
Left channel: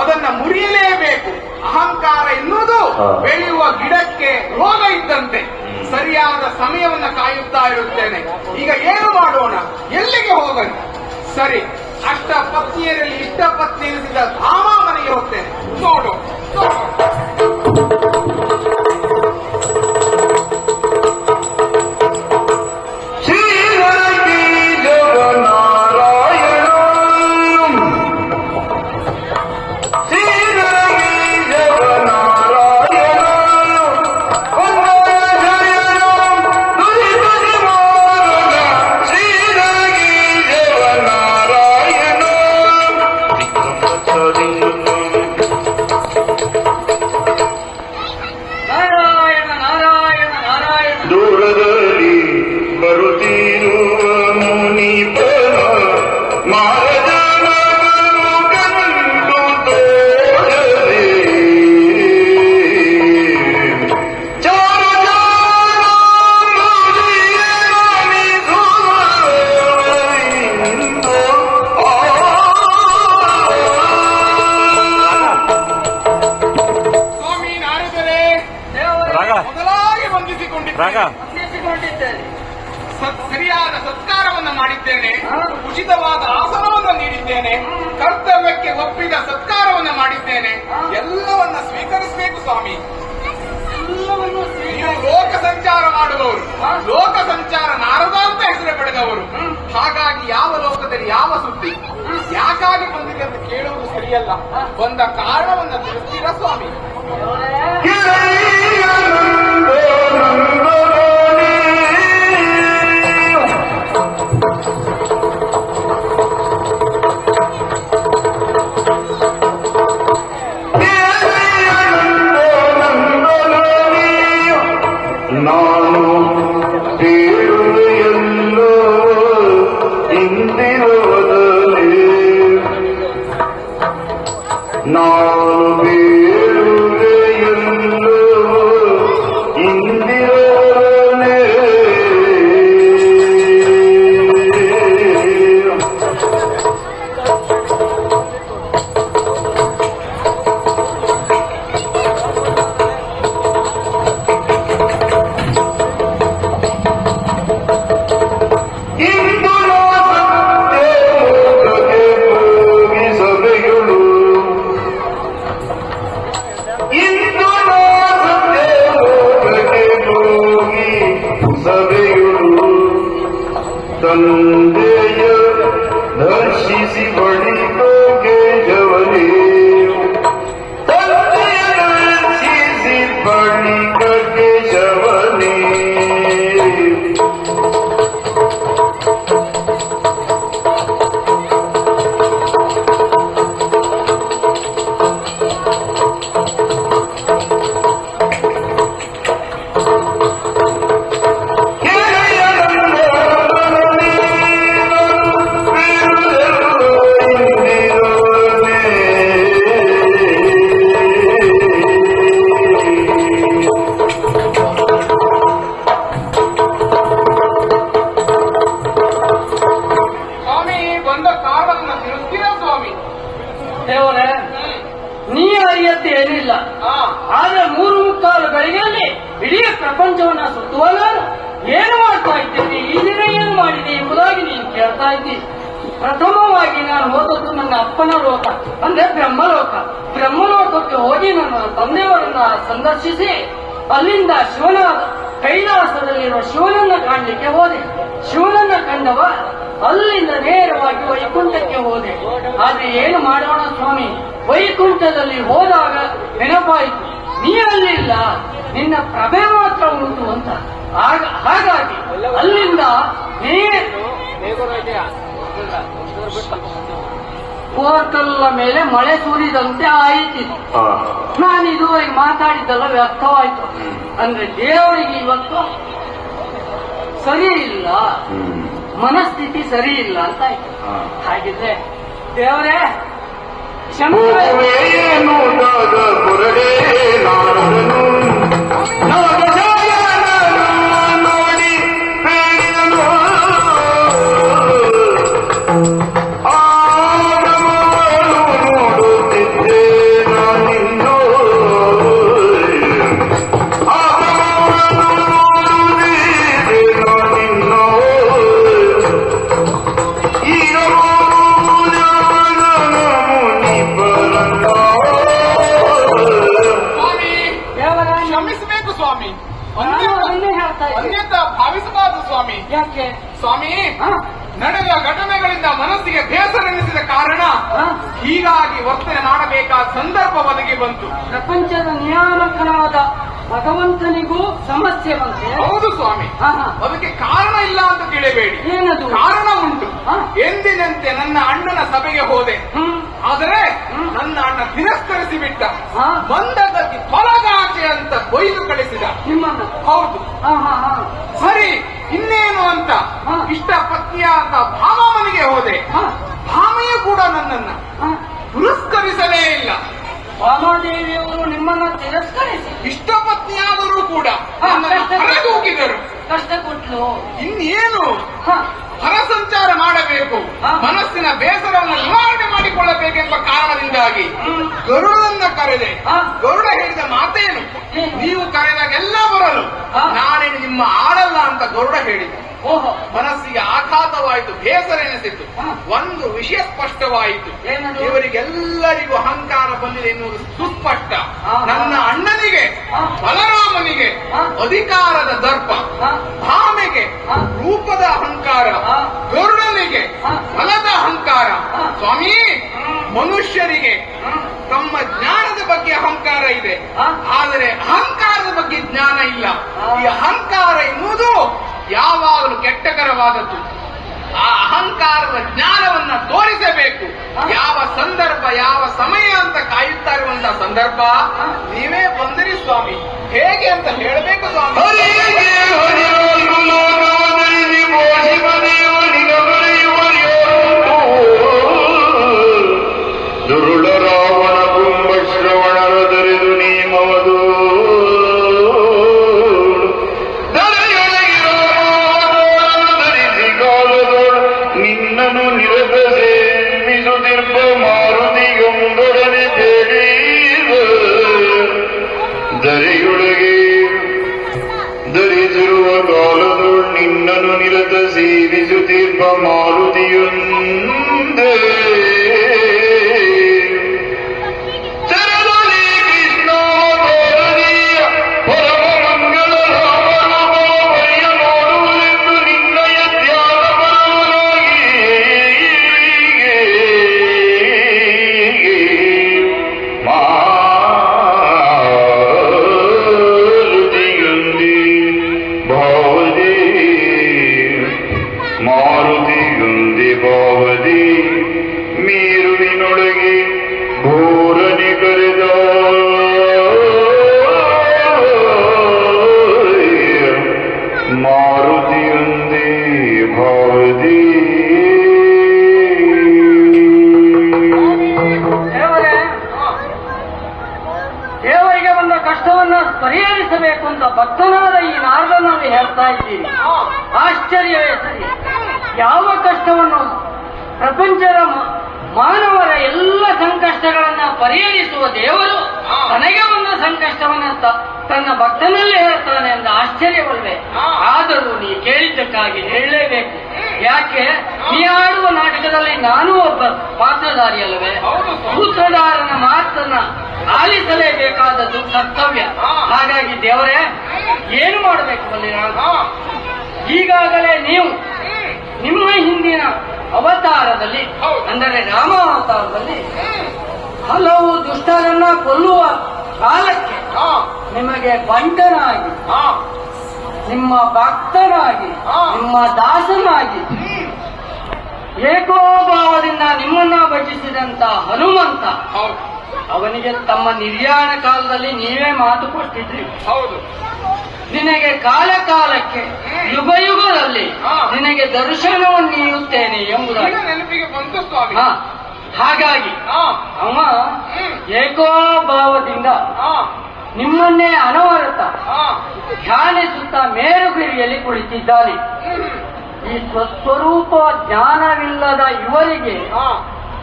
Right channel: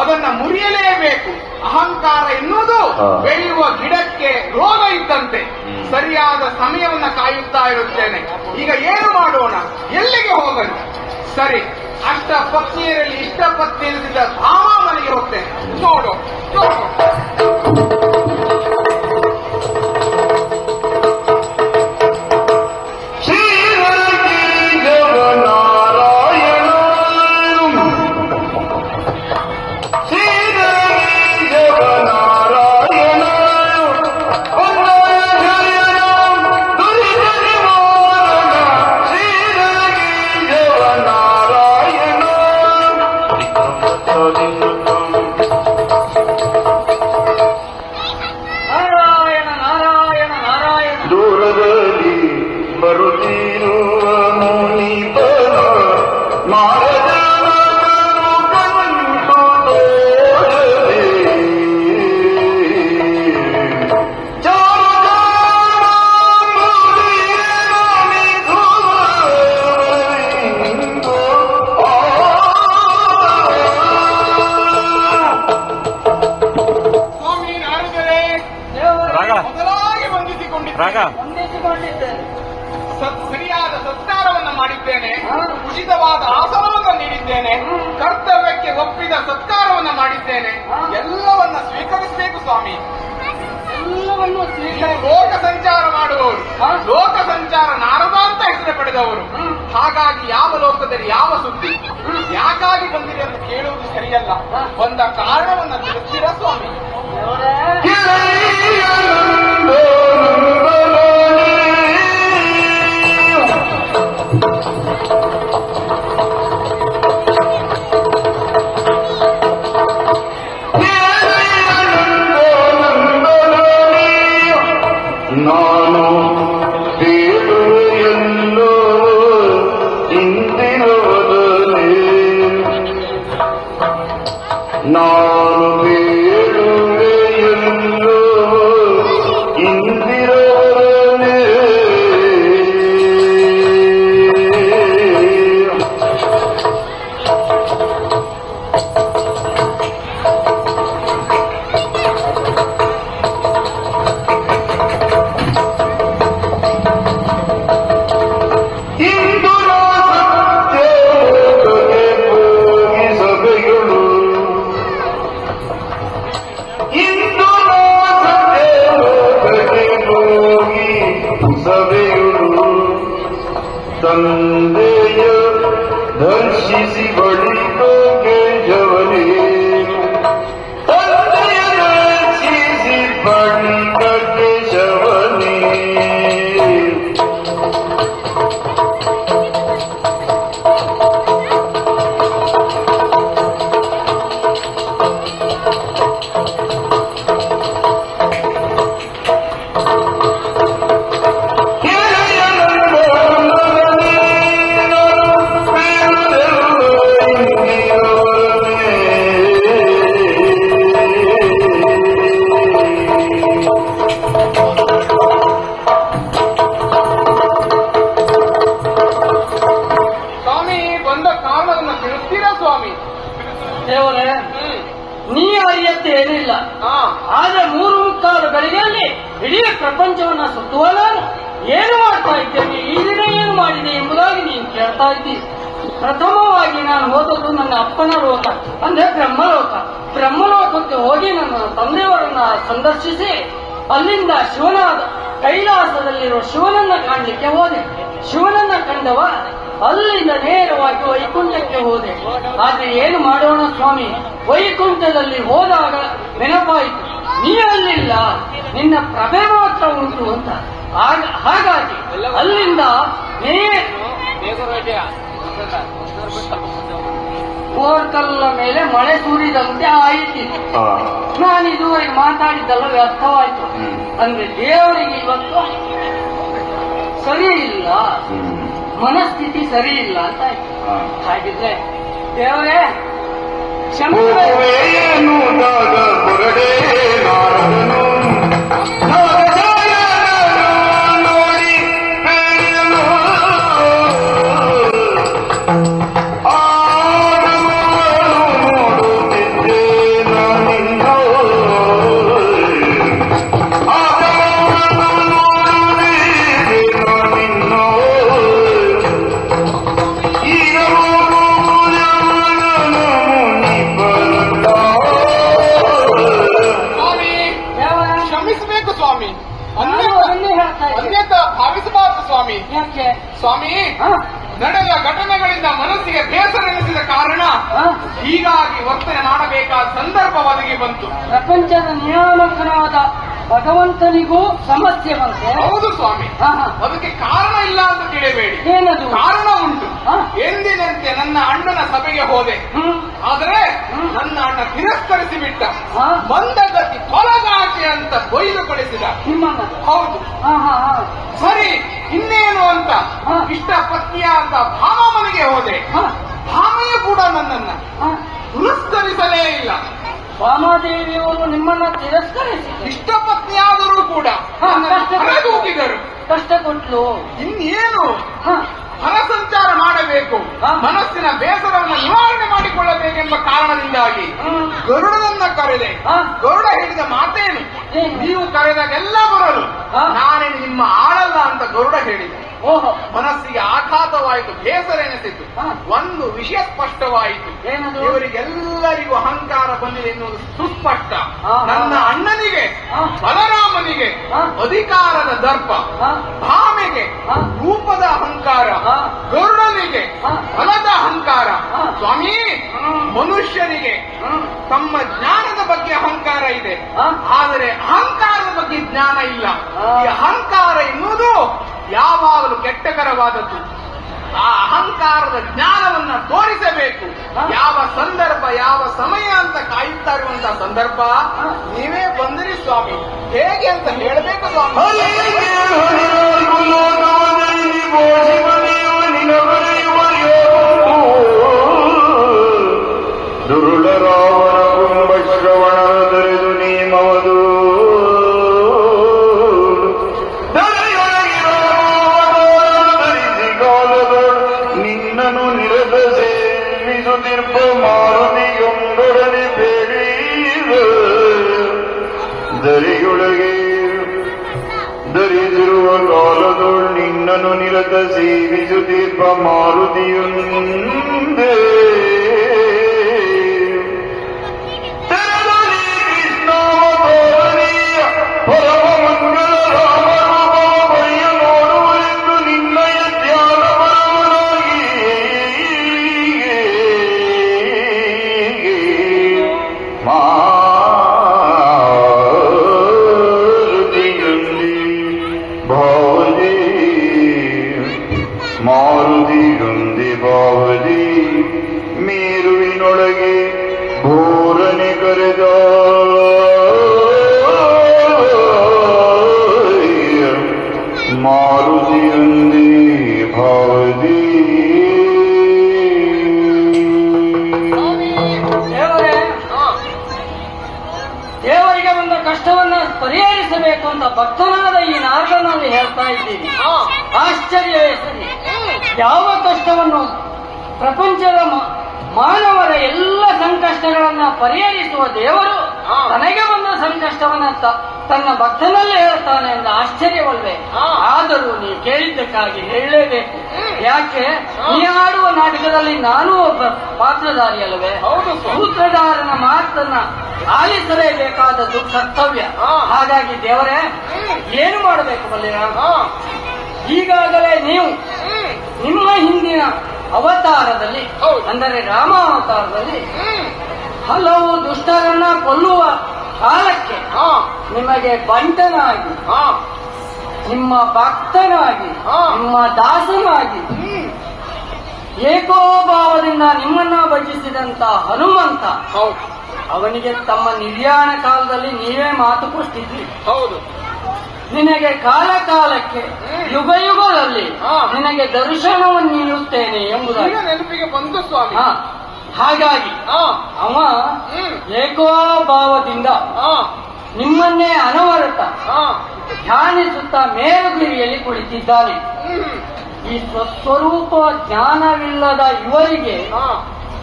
ಅದನ್ನ ಮುರಿಯಲೇಬೇಕು. ಅಹಂಕಾರ ಎನ್ನುವುದು ಬೆಳೆಯುವ ಗಿಡಕ್ಕೆ ರೋಗ ಇದ್ದಂತೆ. ಸರಿಯಾದ ಸಮಯವನ್ನ ಕಾಯುತ್ತಾ ಇರುತ್ತೇನೆ. ಈಗ ಏನು ಮಾಡೋಣ? ಎಲ್ಲಿಗೆ ಹೋಗೋಣ? ಸರಿ, ಅಷ್ಟ ಪತ್ನಿಯರಲ್ಲಿ ಇಷ್ಟ ಪತ್ನಿ ಎನಿಸಿದ ಭಾವನೆ ಇರುತ್ತೆ. ನೋಡು ದೂರದಲ್ಲಿ ಬರುತ್ತಿರುವ ಮುನಿಪನ ಮಾರದ ಮಗನು ಕಂಡು ತೋರದೆ ಸ್ವಾಮಿ ನಾಡುದರೆ ಮೊದಲಾಗಿ ಬಂಧಿಸಿಕೊಂಡಿದ್ದೆ. ಸರಿಯಾದ ಸತ್ಕಾರವನ್ನು ಮಾಡಿದ್ದೇನೆ. ಉಚಿತವಾದ ಆಸನವನ್ನು ನೀಡಿದ್ದೇನೆ. ಕರ್ತವ್ಯಕ್ಕೆ ಒಪ್ಪಿದ ಸತ್ಕಾರವನ್ನು ಮಾಡಿದ್ದೇನೆ. ಎಲ್ಲವನ್ನ ಸ್ವೀಕರಿಸಬೇಕು ಸ್ವಾಮಿ. ಲೋಕ ಸಂಚಾರ ಮಾಡುವವರು, ಲೋಕ ಸಂಚಾರ ನಾರದ ಅಂತ ಹೆಸರು ಪಡೆದವರು. ಹಾಗಾಗಿ ಯಾವ ಲೋಕದಲ್ಲಿ ಯಾವ ಸುದ್ದಿ ಯಾಕಾಗಿ ಬಂದಿದೆ ಅಂತ ಕೇಳುವುದು ಸರಿಯಲ್ಲ. ಒಂದ ಕಾರಣವನ್ನು ತಿಳಿಸಿರ ಸ್ವಾಮಿ. ನಾನು ಬೇಡುವೆಯಲ್ಲೋ ಇಂದಿನೊಡನೆ, ನಾನು ಬೇಡುವೆಯಲ್ಲೋ ಇಂದಿನ ಸಭೆಯುಳು ತಂದೆಯ ದರ್ಶಿಸಿ ಬಳಿಕ ಕೇಶವನೇ ತಂದೆಯ ದರ್ಶಿಸಿ ಬಳಿಕ ಕೇಶವನೇ ಸ್ವಾಮಿ ಬಂದ ಕಾರಣವನ್ನು ತಿಳಿಸ್ತೀರಾ ಸ್ವಾಮಿ? ದೇವರೇ, ನೀ ಅರಿಯತ್ತೆ ಏನಿಲ್ಲ. ಆದ್ರೆ 3 ಬೆಳಗ್ಗೆ ಇಡೀ ಪ್ರಪಂಚವನ್ನ ಸುತ್ತುವಲ್ಲ ಏನು ಮಾಡ್ತಾ ಇದ್ದೇನೆ, ಈ ಏನು ಮಾಡಿದೆ ಎಂಬುದಾಗಿ ನೀನು ಕೇಳ್ತಾ ಇದ್ದೀನಿ. ಪ್ರಥಮವಾಗಿ ನಾನು ಓದೋದು ನನ್ನ ಅಪ್ಪನ ಲೋಕ ಅಂದ್ರೆ ಬ್ರಹ್ಮಲೋಕ. ಬ್ರಹ್ಮಲೋಕಕ್ಕೆ ಹೋಗಿ ನನ್ನ ತಂದೆಯವರನ್ನ ಸಂದರ್ಶಿಸಿ ಅಲ್ಲಿಂದ ಶಿವನ ಕೈಲಾಸದಲ್ಲಿರುವ ಶಿವನನ್ನ ಕಾಣಲಿಕ್ಕೆ ಹೋದೆ. ಶಿವನನ್ನ ಕಂಡವ ಅಲ್ಲಿಂದ ನೇರವಾಗಿ ವೈಕುಂಠಕ್ಕೆ ಹೋದೆ. ಆದ್ರೆ ಏನು ಮಾಡೋಣ ಸ್ವಾಮಿ, ವೈಕುಂಠದಲ್ಲಿ ಹೋದಾಗ ನೆನಪಾಯಿತು ನೀ ಅಲ್ಲಿಲ್ಲ, ನಿನ್ನ ಪ್ರಭೆ ಮಾತ್ರ ಉಂಟು ಅಂತ. ಹಾಗಾಗಿ ಅಲ್ಲಿಂದ ಕೋರ್ಕಲ್ಲ ಮೇಲೆ ಮಳೆ ಸುರಿದಂತೆ ಆಯಿತು. ನಾನು ಇದುವರೆಗೆ ಮಾತಾಡಿದ್ದಲ್ಲ ವ್ಯರ್ಥವಾಯಿತು. ಅಂದ್ರೆ ದೇವರಿಗೆ ಇವತ್ತು ಸರಿ ಇಲ್ಲ, ಮನಸ್ಥಿತಿ ಸರಿ ಇಲ್ಲ ಅಂತ ಆಯ್ತು. ಹಾಗಿದ್ರೆ ದೇವರೇ ಕ್ಷಮಿಸಬೇಕು. ಹೊರಡೆ ನಾಡನು ನೋಡಿ ಬೇಡನು ಆಗುತ್ತಿದ್ದೆ ನಾನಿನ್ನೋ ಸ್ವಾಮಿ ಕ್ಷಮಿಸಬೇಕು ಸ್ವಾಮಿ, ಒಂದೇ ಹೇಳ್ತಾ ಇದ್ದೀನಿ. ಅನ್ಯತಾ ಭಾವಿಸಬಾರದು ಸ್ವಾಮಿ. ಯಾಕೆ ಸ್ವಾಮಿ, ಹ? ನಡೆದ ಘಟನೆಗಳಿಂದ ಮನಸ್ಸಿಗೆ ಬೇಸರವೆನಿಸಿದ ಕಾರಣ ಹ? ಹೀಗಾಗಿ ವರ್ತನೆ ಮಾಡಬೇಕಾದ ಸಂದರ್ಭ ಒದಗಿ ಬಂತು. ಪ್ರಪಂಚದ ನಿಯಾಮಕನಾದ ಭಗವಂತನಿಗೂ ಸಮಸ್ಯೆ ಬಂತೆ. ಹೌದು ಸ್ವಾಮಿ, ಹ, ಹ. ಅದಕ್ಕೆ ಕಾರಣ ಇಲ್ಲ ಅಂತ ತಿಳಿಯಬೇಡಿ, ಏನದು? ಕಾರಣ ಉಂಟು. ಹ? ಎಂದಿನಂತೆ ನನ್ನ ಅಣ್ಣನ ಸಭೆಗೆ ಹೋದೆ, ಹ್ಮ್. ಆದರೆ ನನ್ನ ಅಣ್ಣ ತಿರಸ್ಕರಿಸಿ ಬಿಟ್ಟ. ಹ? ಬಂದ ಗತಿ ಕೊಲಗಾಟಿ ಅಂತ ಬೈದು ಕಳಿಸಿದ. ನಿಮ್ಮನ್ನ ಹೌದು, ಹ, ಹ, ಹ. ಸರಿ ಇನ್ನೇನು ಅಂತ ಹ? ಇಷ್ಟ ಪತ್ನಿಯಾದ ಭಾಮನಿಗೆ ಹೋದೆ. ಹ? ಭಾಮೆಯು ಕೂಡ ನನ್ನನ್ನ ಹ? ತಿರಸ್ಕರಿಸಲೇ ಇಲ್ಲ. ರಾಮದೇವಿಯವರು ನಿಮ್ಮನ್ನ ತಿರಸ್ಕರಿಸಿ ಇಷ್ಟ ಪತ್ನಿಯಾದರೂ ಕೂಡ ಹ, ನನ್ನನ್ನು ಹೊರದೂಕಿದರು. ಕಷ್ಟ ಕೊಟ್ಲು. ಇನ್ನೇನು ಹ? ಮನಸಂಚಾರ ಮಾಡಬೇಕು, ಹ? ಮನಸ್ಸಿನ ಬೇಸರವನ್ನು ನಿವಾರಣೆ ಮಾಡಿಕೊಳ್ಳಬೇಕೆಂಬ ಕಾರಣದಿಂದಾಗಿ ಹ್ಮ್. ಗರುಡನನ್ನ ಕರೆದೆ. ಹ? ಗರುಡ ಹೇಳಿದ ಮಾತೇನು? ಏನು? ನೀವು ಕರೆದಾಗೆಲ್ಲ ಬರಲು, ಹ? ನಾನೇ ನಿಮ್ಮ ಆಳಲ್ಲ ಅಂತ ಗರುಡ ಹೇಳಿದ. ಓಹೋ, ಮನಸ್ಸಿಗೆ ಆಘಾತವಾಯಿತು, ಬೇಸರ ಎನಿಸಿತು. ಹ? ಒಂದು ವಿಷಯ ಸ್ಪಷ್ಟವಾಯಿತು, ಏನದು? ಇವರಿಗೆಲ್ಲರಿಗೂ ಅಹಂಕಾರ ಬಂದಿದೆ ಎನ್ನುವುದು ಸುಸ್ಪಷ್ಟ. ಹ, ಹ. ನನ್ನ ಅಣ್ಣನಿಗೆ, ಹ? ಬಲರಾಮನಿಗೆ ಹ? ಅಧಿಕಾರದ ದರ್ಪ, ಹ? ಭಾಮೆಗೆ ಹ? ರೂಪದ ಅಹಂಕಾರ, ಹ? ಗರುಡನಿಗೆ ಹ? ಬಲದ ಅಹಂಕಾರ. ಹ? ಸ್ವಾಮಿ, ಹ್ಮ್. ಮನುಷ್ಯರಿಗೆ ಹ್ಮ್. ತಮ್ಮ ಜ್ಞಾನದ ಬಗ್ಗೆ ಅಹಂಕಾರ ಇದೆ, ಹ? ಆದರೆ ಅಹಂಕಾರದ ಬಗ್ಗೆ ಜ್ಞಾನ ಇಲ್ಲ. ಹ. ಈ ಅಹಂಕಾರ ಎನ್ನುವುದು ಯಾವಾಗಲೂ ಕೆಟ್ಟಕರವಾದದ್ದು. ಆ ಅಹಂಕಾರದ ಜ್ಞಾನವನ್ನ ತೋರಿಸಬೇಕು. ಹ? ಯಾವ ಸಂದರ್ಭ, ಯಾವ ಸಮಯ ಅಂತ ಕಾಯುತ್ತಾ ಇರುವಂತಹ ಸಂದರ್ಭ ಹ? ನೀವೇ ಬಂದಿರಿ ಸ್ವಾಮಿ. ಹೇಗೆ ಅಂತ ಹೇಳಬೇಕು ಸ್ವಾಮಿ. ಹರಿಗೆ ಹರಿಯಾರು ಲೋಕವದಲ್ಲಿ ಬೋಧಿಮದೇವನಿನ ಬರೆಯುವರಿಯಾರು ದುರುಳ ರಾವಣ ಕುಂಭ ಶ್ರವಣದರಿದು ನೇಮವದು ಧರಿಸಿ ಕಾಲದೊಳು ನಿನ್ನನು ನಿರತ ಸೇವಿಸುತ್ತಿರ್ಪ ಮಾರುತಿಯೊಂದೊಡನೆ ಬೇಡೀವ ದರಿಯೊಳಗೆ ಧರಿಸಿರುವ ಕಾಲದೊಳು ನಿನ್ನನು ನಿರತ ಸೇವಿಸುತ್ತ ಬಂದ ಕಷ್ಟವನ್ನ ಪರಿಹರಿಸಬೇಕು ಅಂತ ಭಕ್ತನಾದ ಈ ನಾರದನಲ್ಲಿ ಹೇಳ್ತಾ ಇದ್ದೀರಿ. ಆಶ್ಚರ್ಯವೇ ಸರಿ. ಯಾವ ಕಷ್ಟವನ್ನು ಪ್ರಪಂಚದ ಮಾನವರ ಎಲ್ಲ ಸಂಕಷ್ಟಗಳನ್ನ ಪರಿಹರಿಸುವ ದೇವರು ತನಗೆ ಬಂದ ಸಂಕಷ್ಟವನ್ನ ತನ್ನ ಭಕ್ತನಲ್ಲೇ ಹೇಳ್ತಾನೆ ಅಂತ ಆಶ್ಚರ್ಯವಲ್ವೇ? ಆದರೂ ನೀ ಕೇಳಿದ್ದಕ್ಕಾಗಿ ಹೇಳಲೇಬೇಕು. ಯಾಕೆ? ನೀ ಆಡುವ ನಾಟಕದಲ್ಲಿ ನಾನು ಒಬ್ಬ ಪಾತ್ರಧಾರಿ ಅಲ್ಲವೇ? ಸೂತ್ರಧಾರನ ಮಾತನ್ನ ಆಲಿಸಲೇಬೇಕಾದದ್ದು ಕರ್ತವ್ಯ. ಹಾಗಾಗಿ ದೇವರೇ ಏನು ಮಾಡಬೇಕು ಬಲ್ಲೇನ? ಈಗಾಗಲೇ ನೀವು ನಿಮ್ಮ ಹಿಂದಿನ ಅವತಾರದಲ್ಲಿ, ಅಂದರೆ ರಾಮಾವತಾರದಲ್ಲಿ ಹಲವು ದುಷ್ಟರನ್ನ ಕೊಲ್ಲುವ ಕಾಲಕ್ಕೆ ನಿಮಗೆ ಬಂಟನಾಗಿ, ನಿಮ್ಮ ಭಕ್ತನಾಗಿ, ನಿಮ್ಮ ದಾಸನಾಗಿ ಏಕೋಭಾವದಿಂದ ನಿಮ್ಮನ್ನ ಭಜಿಸಿದಂತ ಹನುಮಂತ, ಅವನಿಗೆ ತಮ್ಮ ನಿರ್ಯಾಣ ಕಾಲದಲ್ಲಿ ನೀವೇ ಮಾತು ಕೊಟ್ಟಿದ್ರಿ. ಹೌದು. ನಿನಗೆ ಕಾಲ ಕಾಲಕ್ಕೆ ಯುಗ ಯುಗದಲ್ಲಿ ನಿನಗೆ ದರ್ಶನವನ್ನು ನೀಡುತ್ತೇನೆ ಎಂಬುದಾಗಿ ನೆನಪಿಗೆ ಬಂತು ಸ್ವಾಮಿ. ಹಾಗಾಗಿ ಅವ ಏಕೋಭಾವದಿಂದ ನಿಮ್ಮನ್ನೇ ಅನವರತ ಧ್ಯಾನಿಸುತ್ತಾ ಮೇರುಗಿರಿಯಲ್ಲಿ ಕುಳಿತಿದ್ದಾನೆ. ಈ ಸ್ವಸ್ವರೂಪ ಜ್ಞಾನವಿಲ್ಲದ ಇವರಿಗೆ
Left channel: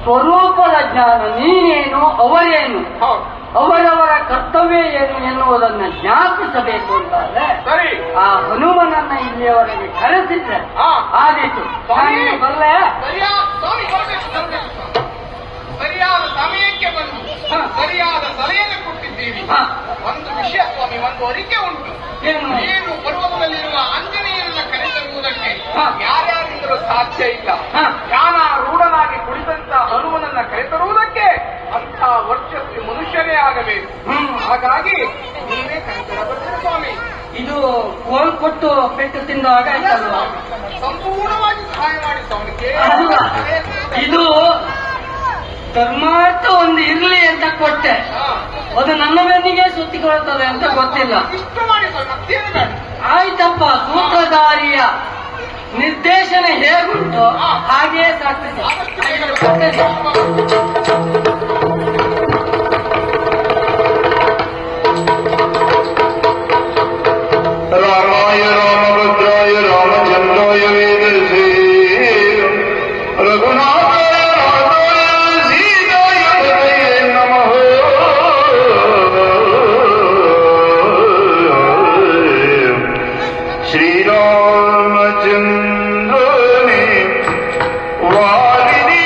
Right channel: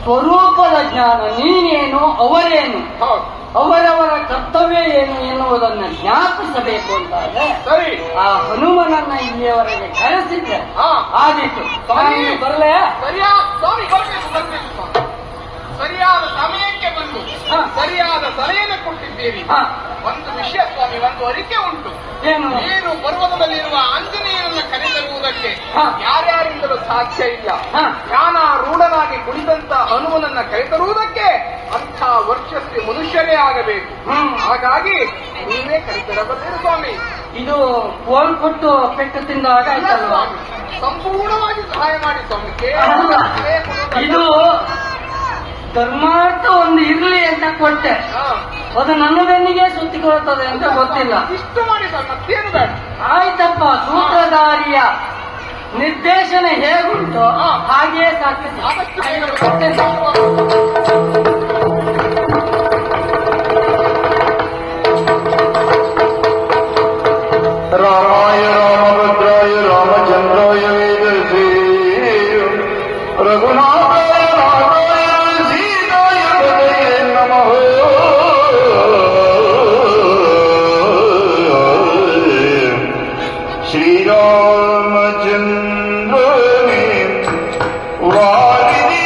ಸ್ವರೂಪದ ಜ್ಞಾನ, ನೀನೇನು ಅವರೇನು, ಅವರವರ ಕರ್ತವ್ಯ ಏನು ಎನ್ನುವುದನ್ನು ಜ್ಞಾಪಿಸಬೇಕು ಅಂತಾದ್ರೆ ಆ ಹನುಮನನ್ನ ಇಲ್ಲಿಯವರೆಗೆ ಕರೆಸಿದ್ರೆ ಆದೀತು. ಬರಲೇ? ಸರಿಯಾದ ಸಮಯಕ್ಕೆ ಬಂದು ಸರಿಯಾದ ಸಲಹೆಯನ್ನು ಕೊಟ್ಟಿದ್ದೇನೆ. ಒಂದು ವಿಷಯ ಸ್ವಾಮಿ, ಒಂದು ಅರಿಕೆ ಉಂಟು. ಏನು ಪರ್ವತದಲ್ಲಿರುವ ಆಂಜನೇಯರನ್ನ ಕರೆತರುವುದಕ್ಕೆ ಯಾರ್ಯಾರಿಂದಲೂ ಸಾಧ್ಯ ಇಲ್ಲ. ಪ್ರಾಣಾರೂಢನಾಗಿ ಕುಳಿತಂತ ಹನುಮನನ್ನ ಕರೆತರುವುದಕ್ಕೆ ಅಂಥ ವರ್ಚಸ್ಸಿ ಮನುಷ್ಯರೇ ಆಗಬೇಕು. ಹಾಗಾಗಿ ನೀವೇ ಕರೆತರಬರ್ತೀರಿ ಸ್ವಾಮಿ. ಇದು ಕೋಲ್ಪಟ್ಟು ಪೆಟ್ಟು ತಿಂದಾಗ ಸಂಪೂರ್ಣವಾಗಿ ಸಹಾಯ ಮಾಡಿ ಸ್ವಾಮಿ. ಇದು ಧರ್ಮಾರ್ಥ ಒಂದು ಇರಲಿ ಅಂತ ಕೊಟ್ಟೆ, ಅದು ನನ್ನ ಬೆನ್ನಿಗೆ ಸುತ್ತಿಕೊಳ್ಳುತ್ತದೆ ಅಂತ ಗೊತ್ತಿಲ್ಲ. ಇಷ್ಟು ಮಾಡಿ ಸ್ವಾಮಿ, ಮತ್ತೇನು ಬೇಡ. ಆಯ್ತಪ್ಪ, ಸೂತ್ರಧಾರಿಯ ನಿರ್ದೇಶನ ಹೇಗುಂಟು ಹಾಗೆಯೇ ಸಾಕ್ತದೆ. ರಾಮಾಯ ರಾಮಭದ್ರಾಯ ರಾಮಚಂದ್ರಾಯ ವೇದಸೇ ರಘುನಾಥಾಯ ನಾಥಾಯ ಸೀತಾಯ ಪತ್ನಿಯೇ ನಮಃ. ಶ್ರೀರಾಮಚಂದ್ರನೇ ವಾರಿಧಿ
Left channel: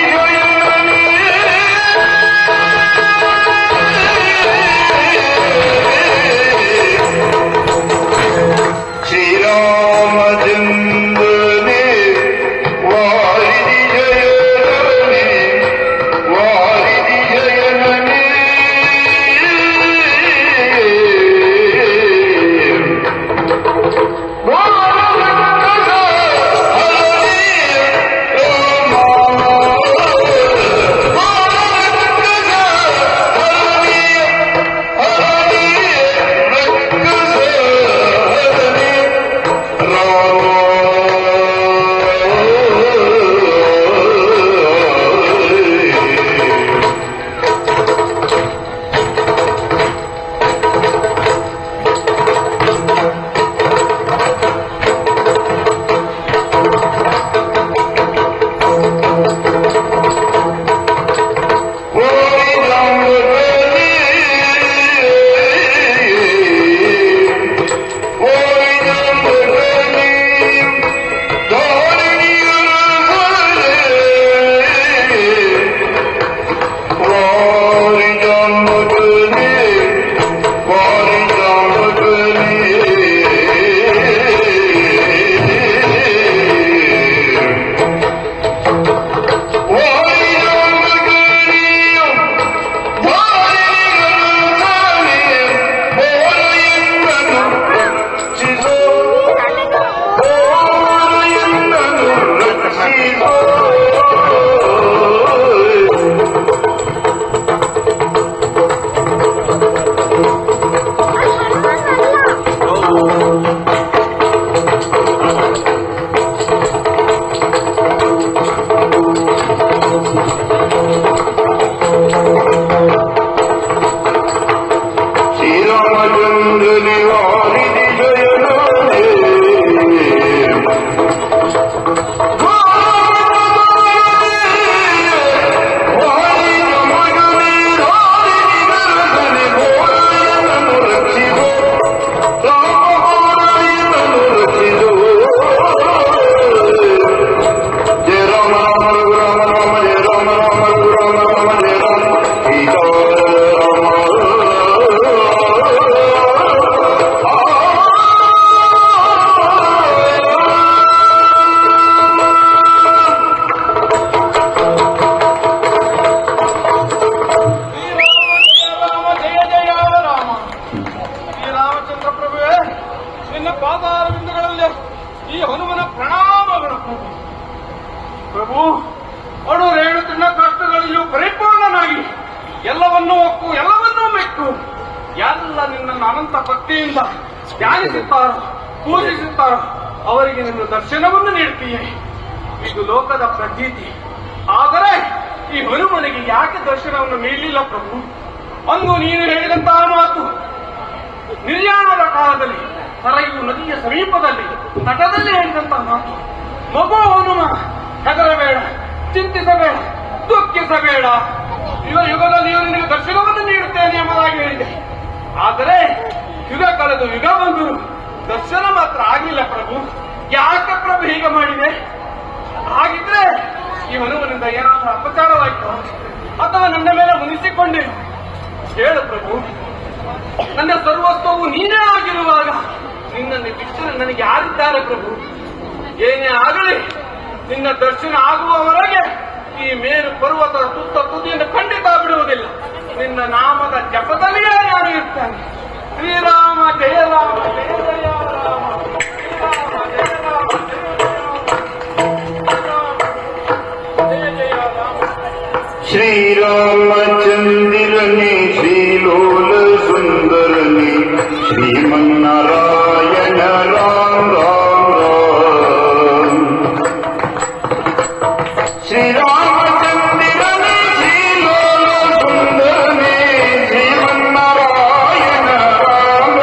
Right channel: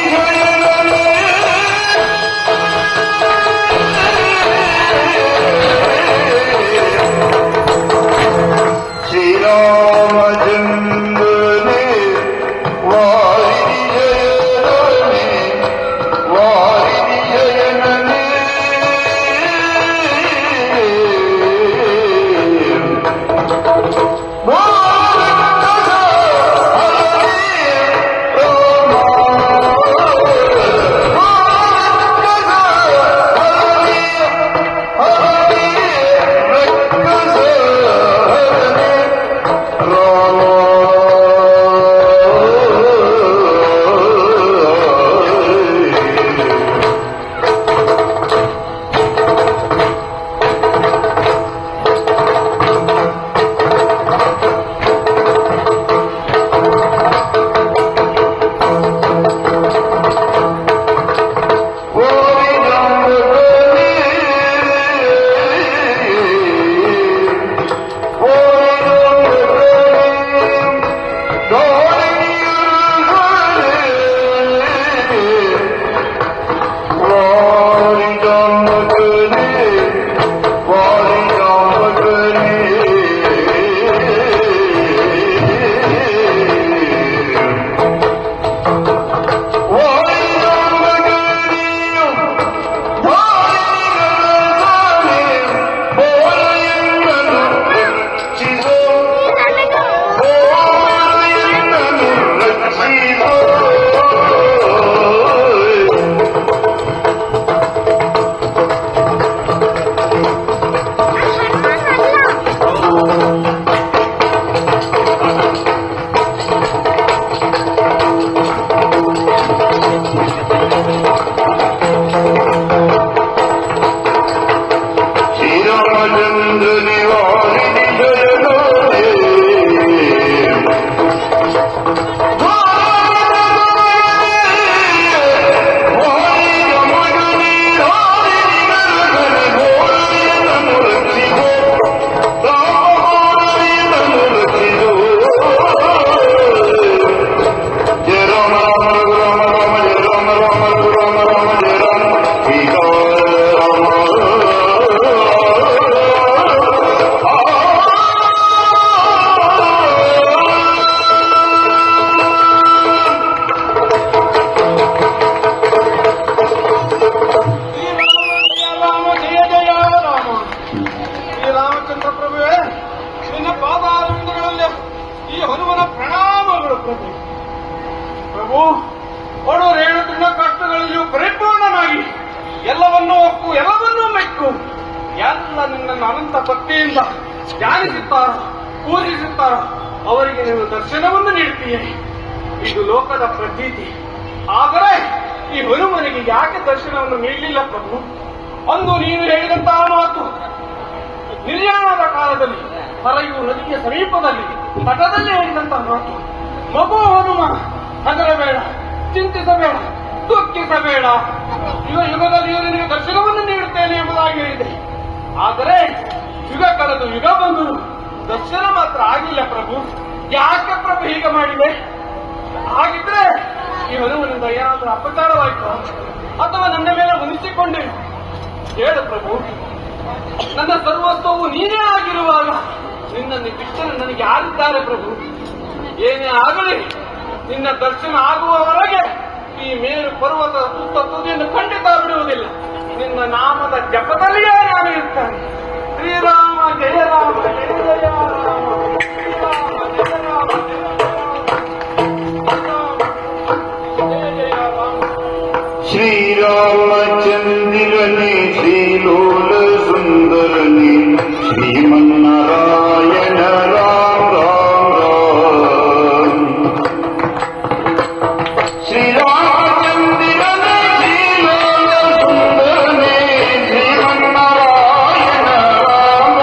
ಶ್ರೀರಾಮಚಂದ್ರ ಪ್ರಭುವೇ, ನಿನ್ನ ಪಾದಾರವಿಂದಗಳಲ್ಲಿ ಈ ಹನುಮನ ಪ್ರಣಾಮಗಳು. ಪ್ರಭು, ಬಡವರು ಹೇಳುತ್ತಿದ್ದ ಕಷ್ಟಗಳಲ್ಲಿಯೂ ಪರಿಪೂರ್ಣನಾಗಿ ಎಲ್ಲವನ್ನೂ ಒಪ್ಪು, ಎಲ್ಲವನ್ನೂ ಮೆಟ್ಟು ಯಾರೆಲ್ಲ ನಿನ್ನನ್ನು ಅನಂತ ಭಕ್ತಿಯಿಂದ ಧ್ಯಾನಿಸುತ್ತಾರೋ, ಪೂಜಿಸುತ್ತಾರೋ ಅವರಿಗೆ ನಿನ್ನ ದರ್ಶನವನ್ನು ನೀಡುತ್ತೀಯೇ. ಇದು ಲೋಕದ ಪ್ರತೀತಿ. ಆದರೆ ಈ ಹನುಮನಿಗೆ ಯಾಕೆ ದರ್ಶನವನ್ನು ನೀಡಲಿಲ್ಲ ಪ್ರಭು? ಅಂದು ನೀನು ಹೇಳಿದಂತಹ ಮಾತು ನಿರ್ಯಾಣದ ಕಾಲದಲ್ಲಿ ಸರಯು ನದಿಯ ಸಮೀಪದಲ್ಲಿ ತಟದಲ್ಲೇ ಹೇಳಿದಂತಹ ಮಾತು, ಮಗು ಹನುಮ ಹೆದರಬೇಡ, ಚಿಂತಿಸಬೇಡ, ದುಃಖಿಸಬೇಡ, ಯುಗದಲ್ಲಿ ನೀವು ದರ್ಶನವನ್ನು ನೀಡುತ್ತೇನೆ ಎಂಬುದಾಗಿ ಹೇಳಿದೆ. ಆದರೆ ಯುಗ ಕಳೆದು ಯುಗ ಬಂದು ದರ್ಶನ ಮಾತ್ರ ಆಗಿಲ್ಲ ಪ್ರಭು. ಯಾಕೆ ಪ್ರಭು ಹೀಗೆ ಮಾಡಿದೆ? ಹಾಗಿದ್ರೆ ಈ ಹನುಮನಿಂದ ಏನಾದರೂ ಅಪಚಾರವಾಯಿತು ಅಥವಾ ನನ್ನ ಮೇಲೆ ಮುನಿಸಿಕೊಂಡೆ ಹೇಳು ಪ್ರಭು. ನನ್ನ ಸರ್ವಸ್ವವು ನೀನೇ ಆಗಿರುವಾಗ ನಿನ್ನಲ್ಲಿ ಕೃಷ್ಣನ ನನಗೆ ಆಗಿದ್ದಾರೆ ಪ್ರಭು. ಏನೇ ಆಗಲಿ ನಿನ್ನ ದರ್ಶನ ಆಗುವವರೆಗೆ ಈ ಮೇರು ಪರ್ವತದ ಸುತ್ತ ತುದಿಯನ್ನು ಖಂಡಿತ ಬಿಡುವುದಿಲ್ಲ. ನಿನ್ನ ನಾಮದ ಜಪದಲ್ಲೇ ನಾನು ಇರ್ತಾನೆ. ಶ್ರೀರಾಮ ಜಯ ರಾಮ ಜಯ ಜಯ ರಾಮ. ಶ್ರೀರಾಮಚಂದಿರನೇ ಶ್ರೀಲೋಲ ಸುಂದರನೇ ಶ್ರೀಮನ್ನಾರಾಯಣ ರಾಮ ಶ್ರೀರಾಮಚಂದಿರನೇ ಶ್ರೀಲೋಲ ಸುಂದರನೇ ಶ್ರೀಮನ್ನಾರಾಯಣ ರಾಮ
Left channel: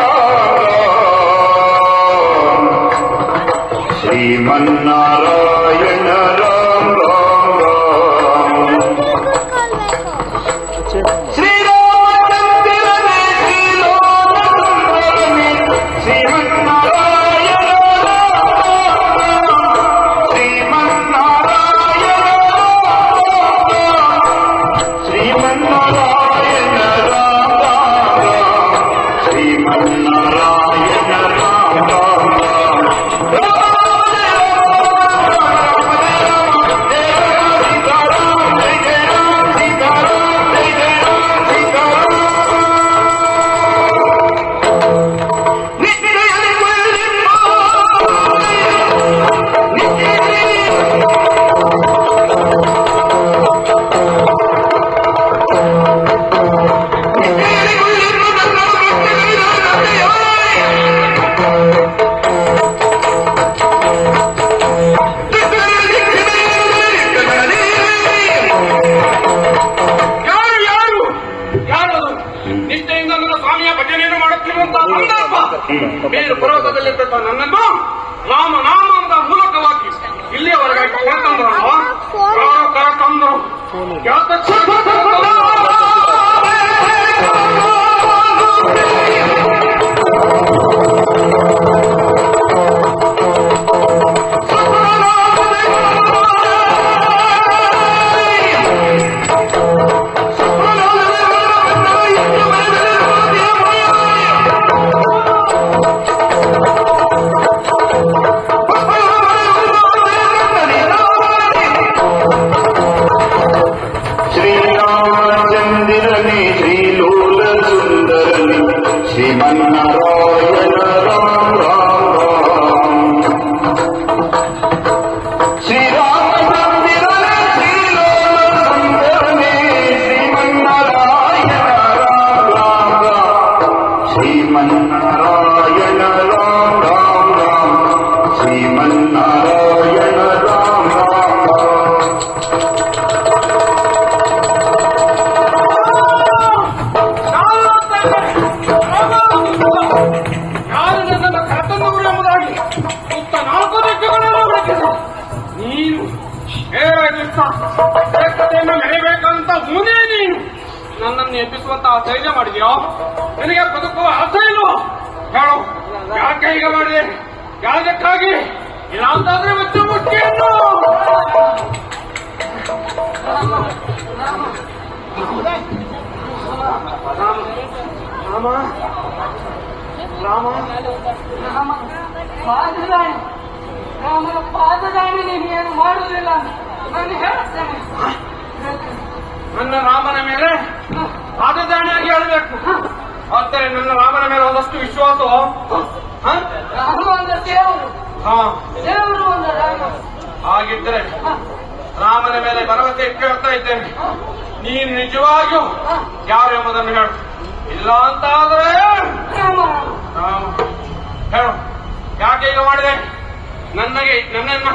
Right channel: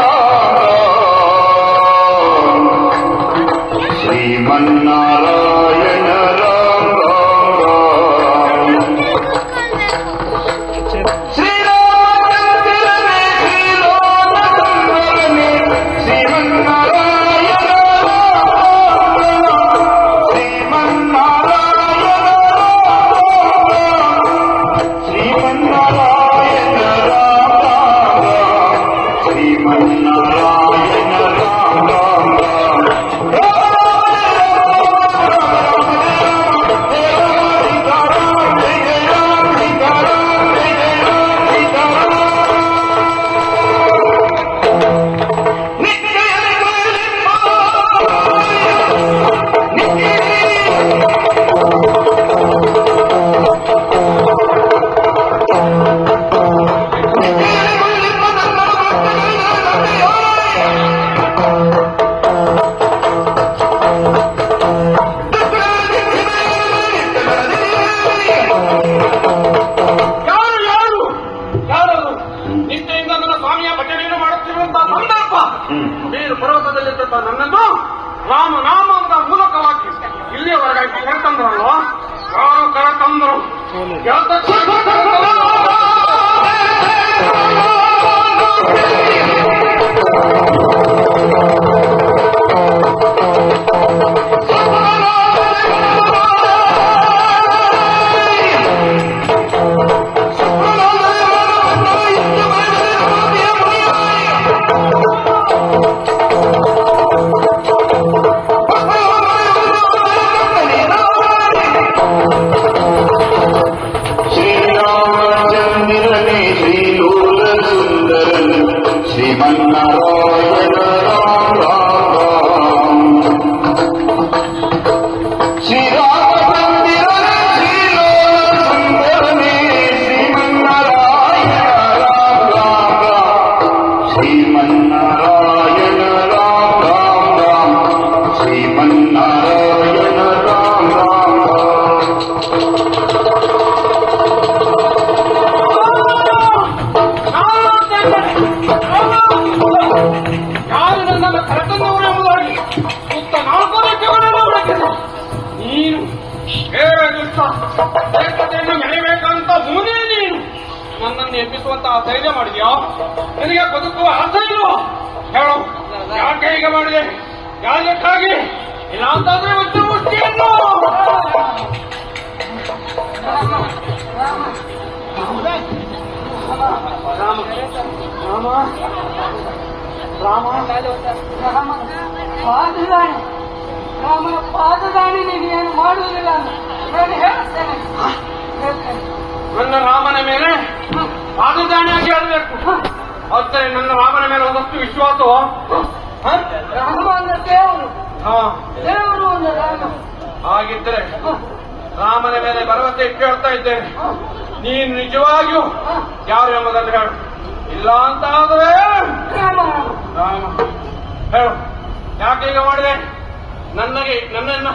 ಶ್ರೀಮನ್ನಾರಾಯಣ ರಾಮ ಪರ್ವತದಲ್ಲಿದ್ದ ನನ್ನನ್ನು ರಾಮನಾಮದ ಮೂಲಕವಾಗಿ ಇಲ್ಲಿಯವರೆಗೆ ಕರೆತಂದ್ರಲ್ವ, ಕರೆತಂದರು. ಶ್ರೀರಾಮಚಂದಿರನೇ ಶ್ರೀಲೋಲ ಸುಂದರನೇ ಶ್ರೀಮನ್ನಾರಾಯಣ ಶ್ರೀರಾಮಚಂದಿರನೇ ಶ್ರೀಲೋಲ ಸುಂದರನೇ ಶ್ರೀಮನ್ನಾರಾಯಣ ಶ್ರೀಮನ್ನಾರಾಯಣ ಶ್ರೀಮನ್ನಾರಾಯಣ ಯಾರು ನನ್ನನ್ನು ಕರೆತಂದವರು ಎಂಬುದಾಗಿ ಸುತ್ತ 4 ದಿಕ್ಕುಗಳನ್ನು ಹುಡುಕಿದೆ. ನೀನು ಏಕತೆಯನ್ನು ಮೆರೆಯಬೇಕಂತ ಮುಂದೆ ನೀನು ನನ್ನನ್ನು ಎಬ್ಬಿಸುವಂತಹ ಧೈರ್ಯ ಮಾಡಿದೆಯೋ? ನಿನಗೆ ಬದುಕುವ ಆಸೆ ಇಲ್ವೋ? ಹೇಳು, ಯಾಕೆ ಹೀಗೆ ಮಾಡಿದೆ? ಯಾರಕ್ಕಾಗಿ? ಯಾವುದಾದ್ರೂ ಇವತ್ತು ಮುಟ್ಟಿಯನ್ನು ಪಾದದಾನಿ ನೀನು ಮಾಡುವುದಿಲ್ಲ ನಾನು ಹೇಳ್ತೇನೆ. ನನ್ನ ರಾಮನ ಮೇಲೆ ಪಾದದಾಣಿಯಾಗಿ ಹೇಳಬೇಕು. ಮತ್ತೆ ನನ್ನ ರಾಮನ ಮೇಲೆ ಒಂದಷ್ಟು ವಿಶ್ವಾಸ ರಾಮನ ದೇವರು ದೇವರು ರಾಮ. ಹಾಗಿದ್ರೆ ರಾಮನ ಮೇಲೆ ಭರವಸೆ ಇಟ್ಕೊಳ್ತಾ ಇದ್ದೇನೆ. ನೀನು ನಿಜವಾಗಿಯೂ ಯಾರು ಎಂಬುದನ್ನು ಹೇಳು. ಇಲ್ಲ ಅಂತ ಆದ್ರೆ ರಾಮ ಹೇಳು, ಯಾಕೆ ಈಗ ಮಾಡಿದೆ? ನನ್ನನ್ನ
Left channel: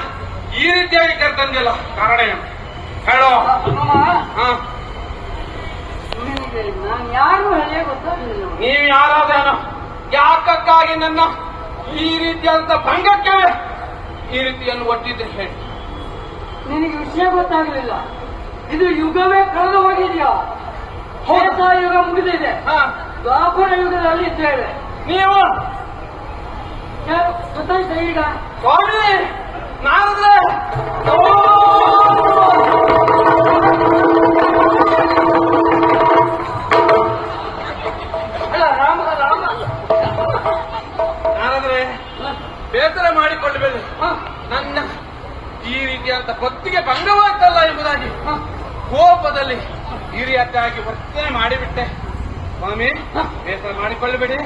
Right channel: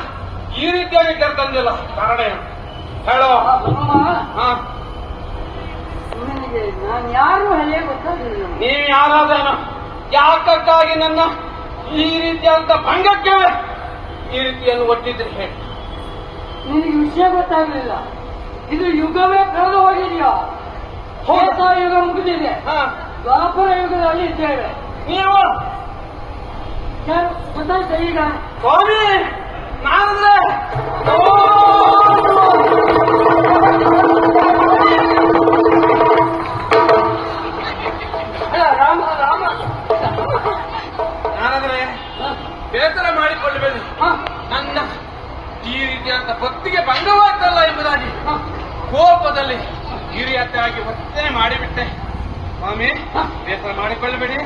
ಈ ರೀತಿಯಾಗಿ ಕೇಳ್ತಂದಿಲ್ಲ, ಕಾರಣ ಏನು ಹೇಳು. ನಿನಗೆ ನಾನು ಯಾರು ಹೇಗೆ ಗೊತ್ತಾಗಲಿಲ್ಲ. ನೀವು ಯಾರಂದ್ರೆ ಯಾಕಕ್ಕಾಗಿ ನನ್ನ ಈ ರೀತಿಯಾದಂತ ಭಂಗಕ್ಕೆ ಈ ರೀತಿಯನ್ನು ಕೊಟ್ಟಿದ್ದೆ ಹೇಳಿ. ನಿನಗೆ ವಿಷಯ ಗೊತ್ತಾಗಲಿಲ್ಲ. ಇದು ಯುಗವೇ ಕಳೆದು ಹೋಗಿದೆಯಲ್ಲ. ತ್ರೇತಾ ಯುಗ ಮುಗಿದಿದೆ, ದ್ವಾಪರ ಯುಗದಲ್ಲಿ ಇದ್ದೇವೆ. ನೀವು ಗೊತ್ತಾಯ್ತಾ ಈಗ? ಸ್ವಾಮಿ ನಾಸರ ರಾಮ ರಾಮ ನಾನಂದ್ರೆ ಬೇಸರ ಮಾಡಿಕೊಳ್ಳಬೇಡಿ. ನನ್ನ ಈ ರೀತಿಯಾದಂತ ಭಕ್ತಿಗೆ ಭಂಗವಾಯ್ತಲ್ಲ ಎಂಬುದಾಗಿ ಕೋಪದಲ್ಲಿ ಹಿರಿಯತ್ತಾಗಿ ವರ್ತನೆ ಮಾಡಿಬಿಟ್ಟೆ. ಸ್ವಾಮಿ ಬೇಸರ ಮಾಡಿಕೊಳ್ಳಬೇಡಿ,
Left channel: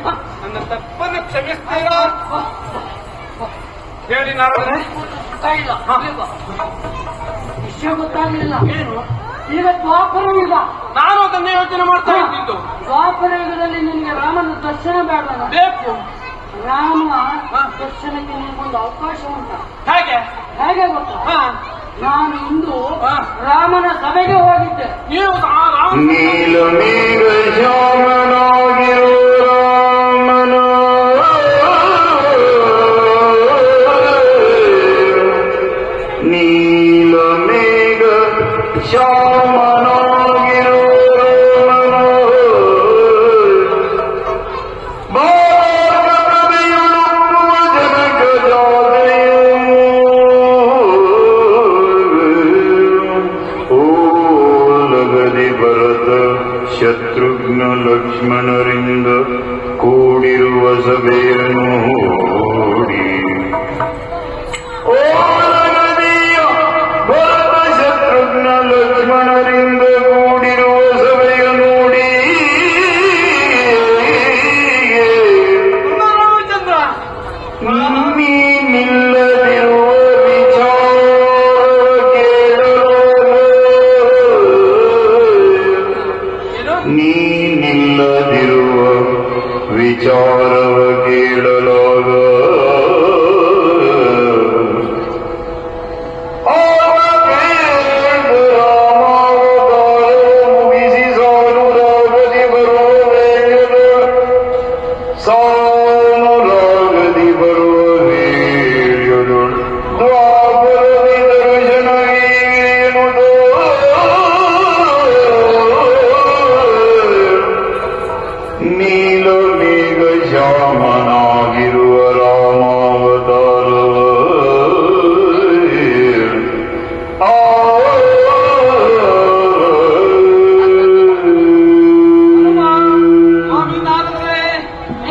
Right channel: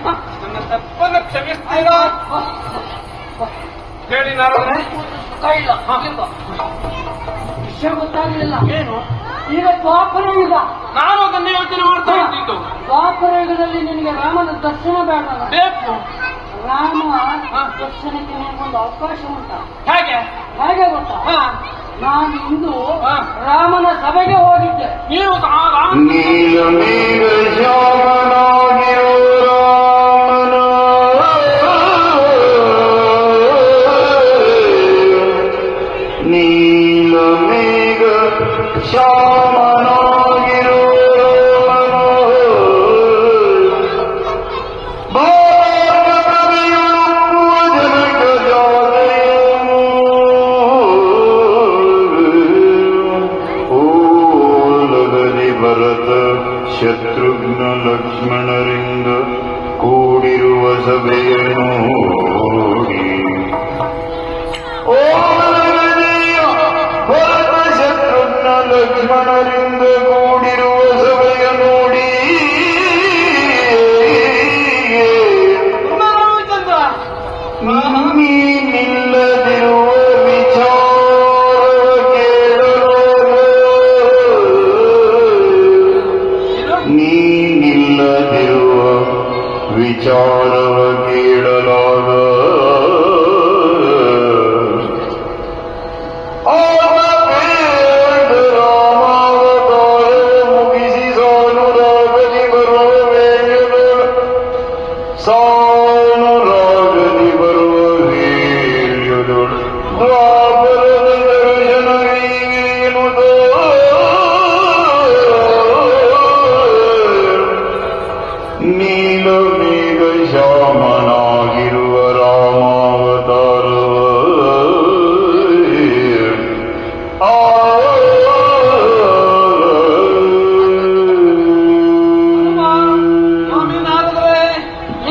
ನನ್ನ ತಪ್ಪನ್ನು ಕ್ಷಮಿಸ್ತೀರಾ ಹೇಳಿ. ನಾನು ವಿಷಯ ಗೊತ್ತಾಗಲಿಲ್ಲ. ಏನು ಈಗ ದ್ವಾಪರ ಯುಗ. ನಾನು ಅದನ್ನೇ ಯೋಚನೆ ಮಾಡ್ತಾ ಇದ್ದಿದ್ದು. ದ್ವಾಪರ ಯುಗದಲ್ಲಿ ನಿನಗೆ ರಾಮನ ದರ್ಶನ ಬೇಡ. ಬೇಕು ರಾಮ ದರ್ಶನಕ್ಕೆ ನಿನಗೊಂದು ಅವಕಾಶ ಉಂಟ. ಹೇಗೆ ಹೇಗೆ ಗೊತ್ತಾ? ನಾನು ಇಂದು ರಾಮನ ಸಭೆಗೆ ಹೋಗಿದ್ದೆ. ನೀವು ನೀಲ ಮೇಘ ಶ್ಯಾಮನಾಗಿರೋ ರಾಮನ ನೀಲ ಮೇಘ ಶ್ಯಾಮನಾಗಿರೋ ಶತ್ರುಘ್ನ ಲಕ್ಷ್ಮಣರಿಂದ ಕೂಡಿರುವ ಸಭೆಯನ್ನು ಭರತ ಶತ್ರುಘ್ನ ಲಕ್ಷ್ಮಣರಿಂದ ಕೂಡಿರುವ ಸಭೆಯ ನೋಡಿ ರಾಮಚಂದ್ರ ನೀನಿಲ್ಲದಿರುವ ನೀನಿಲ್ಲದಿರುವ ವಿಚಾರವ ಕೇಳಲಾಗ ರಾಮಾವತಾರ ಮುಗಿಸಿ ಸಾನುರಾಗದಿ ಬರುವ ಸಾನುರಾಗದಿ ಬರುವ ವೇಳೆಯದೊಳು ದ್ವಾಪರದಿ ದರ್ಶನವೀನುವುದು ನೀಲ ಮೇಘ ಶ್ಯಾಮನಾಗಿರುವ ರಾಮಾವತಾರವ ಸ್ವಾಮಿ ನಾರದ್ರೆ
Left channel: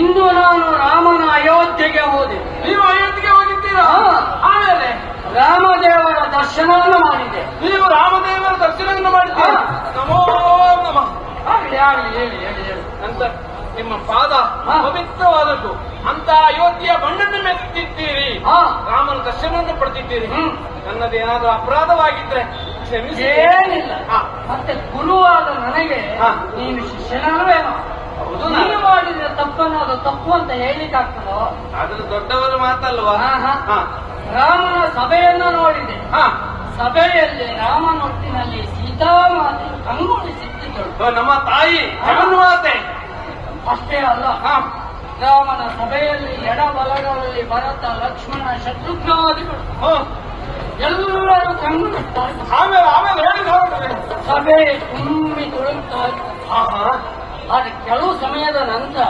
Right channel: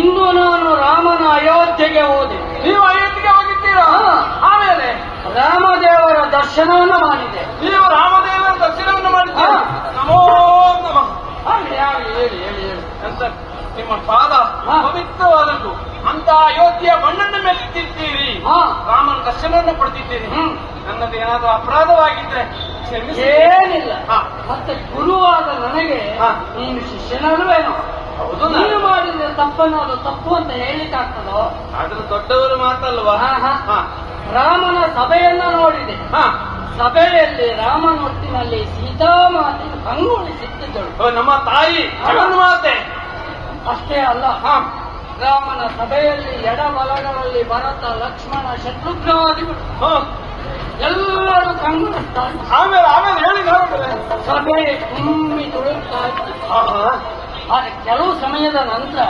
ಇಂದು ನಾನು ರಾಮನ ಅಯೋಧ್ಯೆಗೆ ಹೋದೆ. ನೀವು ಅಯೋಧ್ಯೆಗೆ ಹೋಗಿದ್ದೀರಾ? ಆಮೇಲೆ ರಾಮದೇವರ ದರ್ಶನವನ್ನು ಮಾಡಿದೆ. ನೀವು ರಾಮದೇವರ ದರ್ಶನವನ್ನು ಮಾಡಿದ್ದೀರಾ? ನಮೋ ನಮಃ. ಹೇಳಿ ಅಂತ ನಿಮ್ಮ ಪಾದ ಪವಿತ್ರವಾದದ್ದು. ಅಂತ ಅಯೋಧ್ಯೆಯ ಮಣ್ಣನ್ನು ಮೆತ್ತಿದ್ದೀರಿ, ರಾಮನ ದರ್ಶನವನ್ನು ಪಡೆದಿದ್ದೀರಿ. ನನ್ನದೇನಾದ್ರೂ ಅಪರಾಧವಾಗಿದ್ರೆ ಕ್ಷಮಿಸಿ. ಏನಿಲ್ಲ. ಮತ್ತೆ ಗುರುವಾದ ನನಗೆ ನೀನು ಶಿಷ್ಯನಲ್ವೇನೋ? ಹೌದು, ನೀನು ಮಾಡಿದ ತಪ್ಪನ್ನು ಅದು ತಪ್ಪು ಅಂತ ಹೇಳಿದಾಗ್ತದೋ? ಅದು ದೊಡ್ಡವರು ಮಾತಲ್ವಾ? ರಾಮನ ಸಭೆಯನ್ನು ನೋಡಿದೆ. ಹಾ, ಸಭೆಯಲ್ಲಿ ರಾಮನೊಟ್ಟಿನಲ್ಲಿ ಸೀತಾಮಾತೆಯು ಕಂಗೊಳಿಸಿದ್ದಳು. ನಮ್ಮ ತಾಯಿ ಜಗನ್ಮಾತೆ. ಅಷ್ಟೇ ಅಲ್ಲ, ರಾಮನ ಸಭೆಯಲ್ಲಿ ಎಡಬಲಗಳಲ್ಲಿ ಭರತ ಲಕ್ಷ್ಮಣ ಶತ್ರುಘ್ನಾದಿಗಳು ಎಲ್ಲರೂ ಕಂಗೊಳಿಸಿದ್ದಾರೆ. ಆಮೇಲೆ ಹೇಳಿ ನೋಡ್ತಾರೆ. ಸಭೆ ತುಂಬಿ ತುಳುಕ್ತಾ ಇತ್ತು. ಆದ್ರೆ ಕೆಲವು ಸಮಯದ ನಂತರ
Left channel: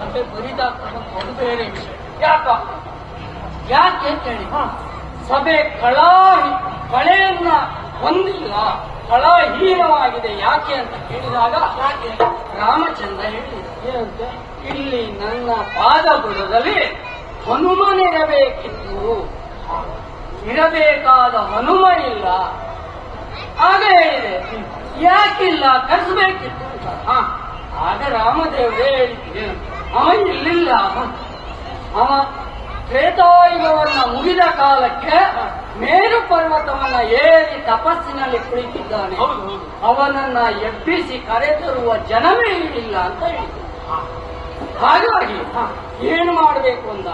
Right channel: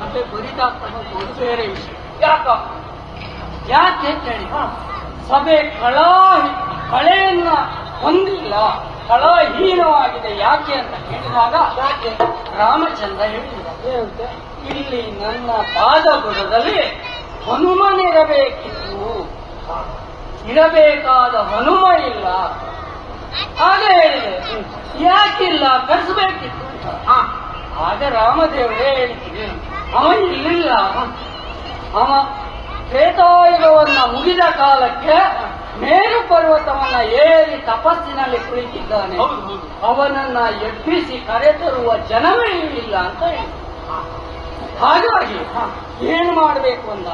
ಸಭೆ ಬರಿದಾಗ್ತದೆ. ಅದು ಬೇರೆ ವಿಷಯ. ಯಾಕೆ ಅಂತ ಹೇಳಿ, ಸಭೆ ಕಳೆಯನ್ನ ಹೊಂದಿಲ್ಲ, ಕಳಹೀನವಾಗಿದೆ. ಯಾಕೆ ಅಂತ ಕೇಳಿದಾಗ ರಾಮಚಂದ್ರ ಹೇಳಿದ, ಏನಂತೆ, ಇಲ್ಲಿ ನನ್ನ ಪಾದಗಳಲ್ಲಿ ಹನುಮನಿರಬೇಕಿತ್ತು, ಇರಬೇಕಾದ ಹನುಮ ಇಲ್ಲ. ಹಾಗೆ ಹೇಳಿದೆ. ಯಾಕಿಲ್ಲ, ಕಳಿಸಬೇಕಿತ್ತು. ಆಗ ರಾಮದೇವರೇ ಹೇಳಿದ್ದಾನೆ, ಅವ ಇಲ್ಲಿಲ್ಲ. ಅವ ತ್ರೇತಾಯುಗವನ್ನು ಮುಗಿದ ಕಾಲಕ್ಕೆ ಮೇರು ಪರ್ವತವನ್ನ ಏರಿ ತಪಸ್ಸಿನಲ್ಲಿ ಕುಳಿತಿದ್ದಾನೆ. ಅವನನ್ನ ಎಬ್ಬಿಸಿ ಕರೆತರುವ ಜನವೇ ಇಲ್ಲ ಅಂತ ಹೇಳಿದ್ರು. ಹಾಗಾಗಿ ಏನು ಮಾಡಬೇಕು ಅಂದಾಗ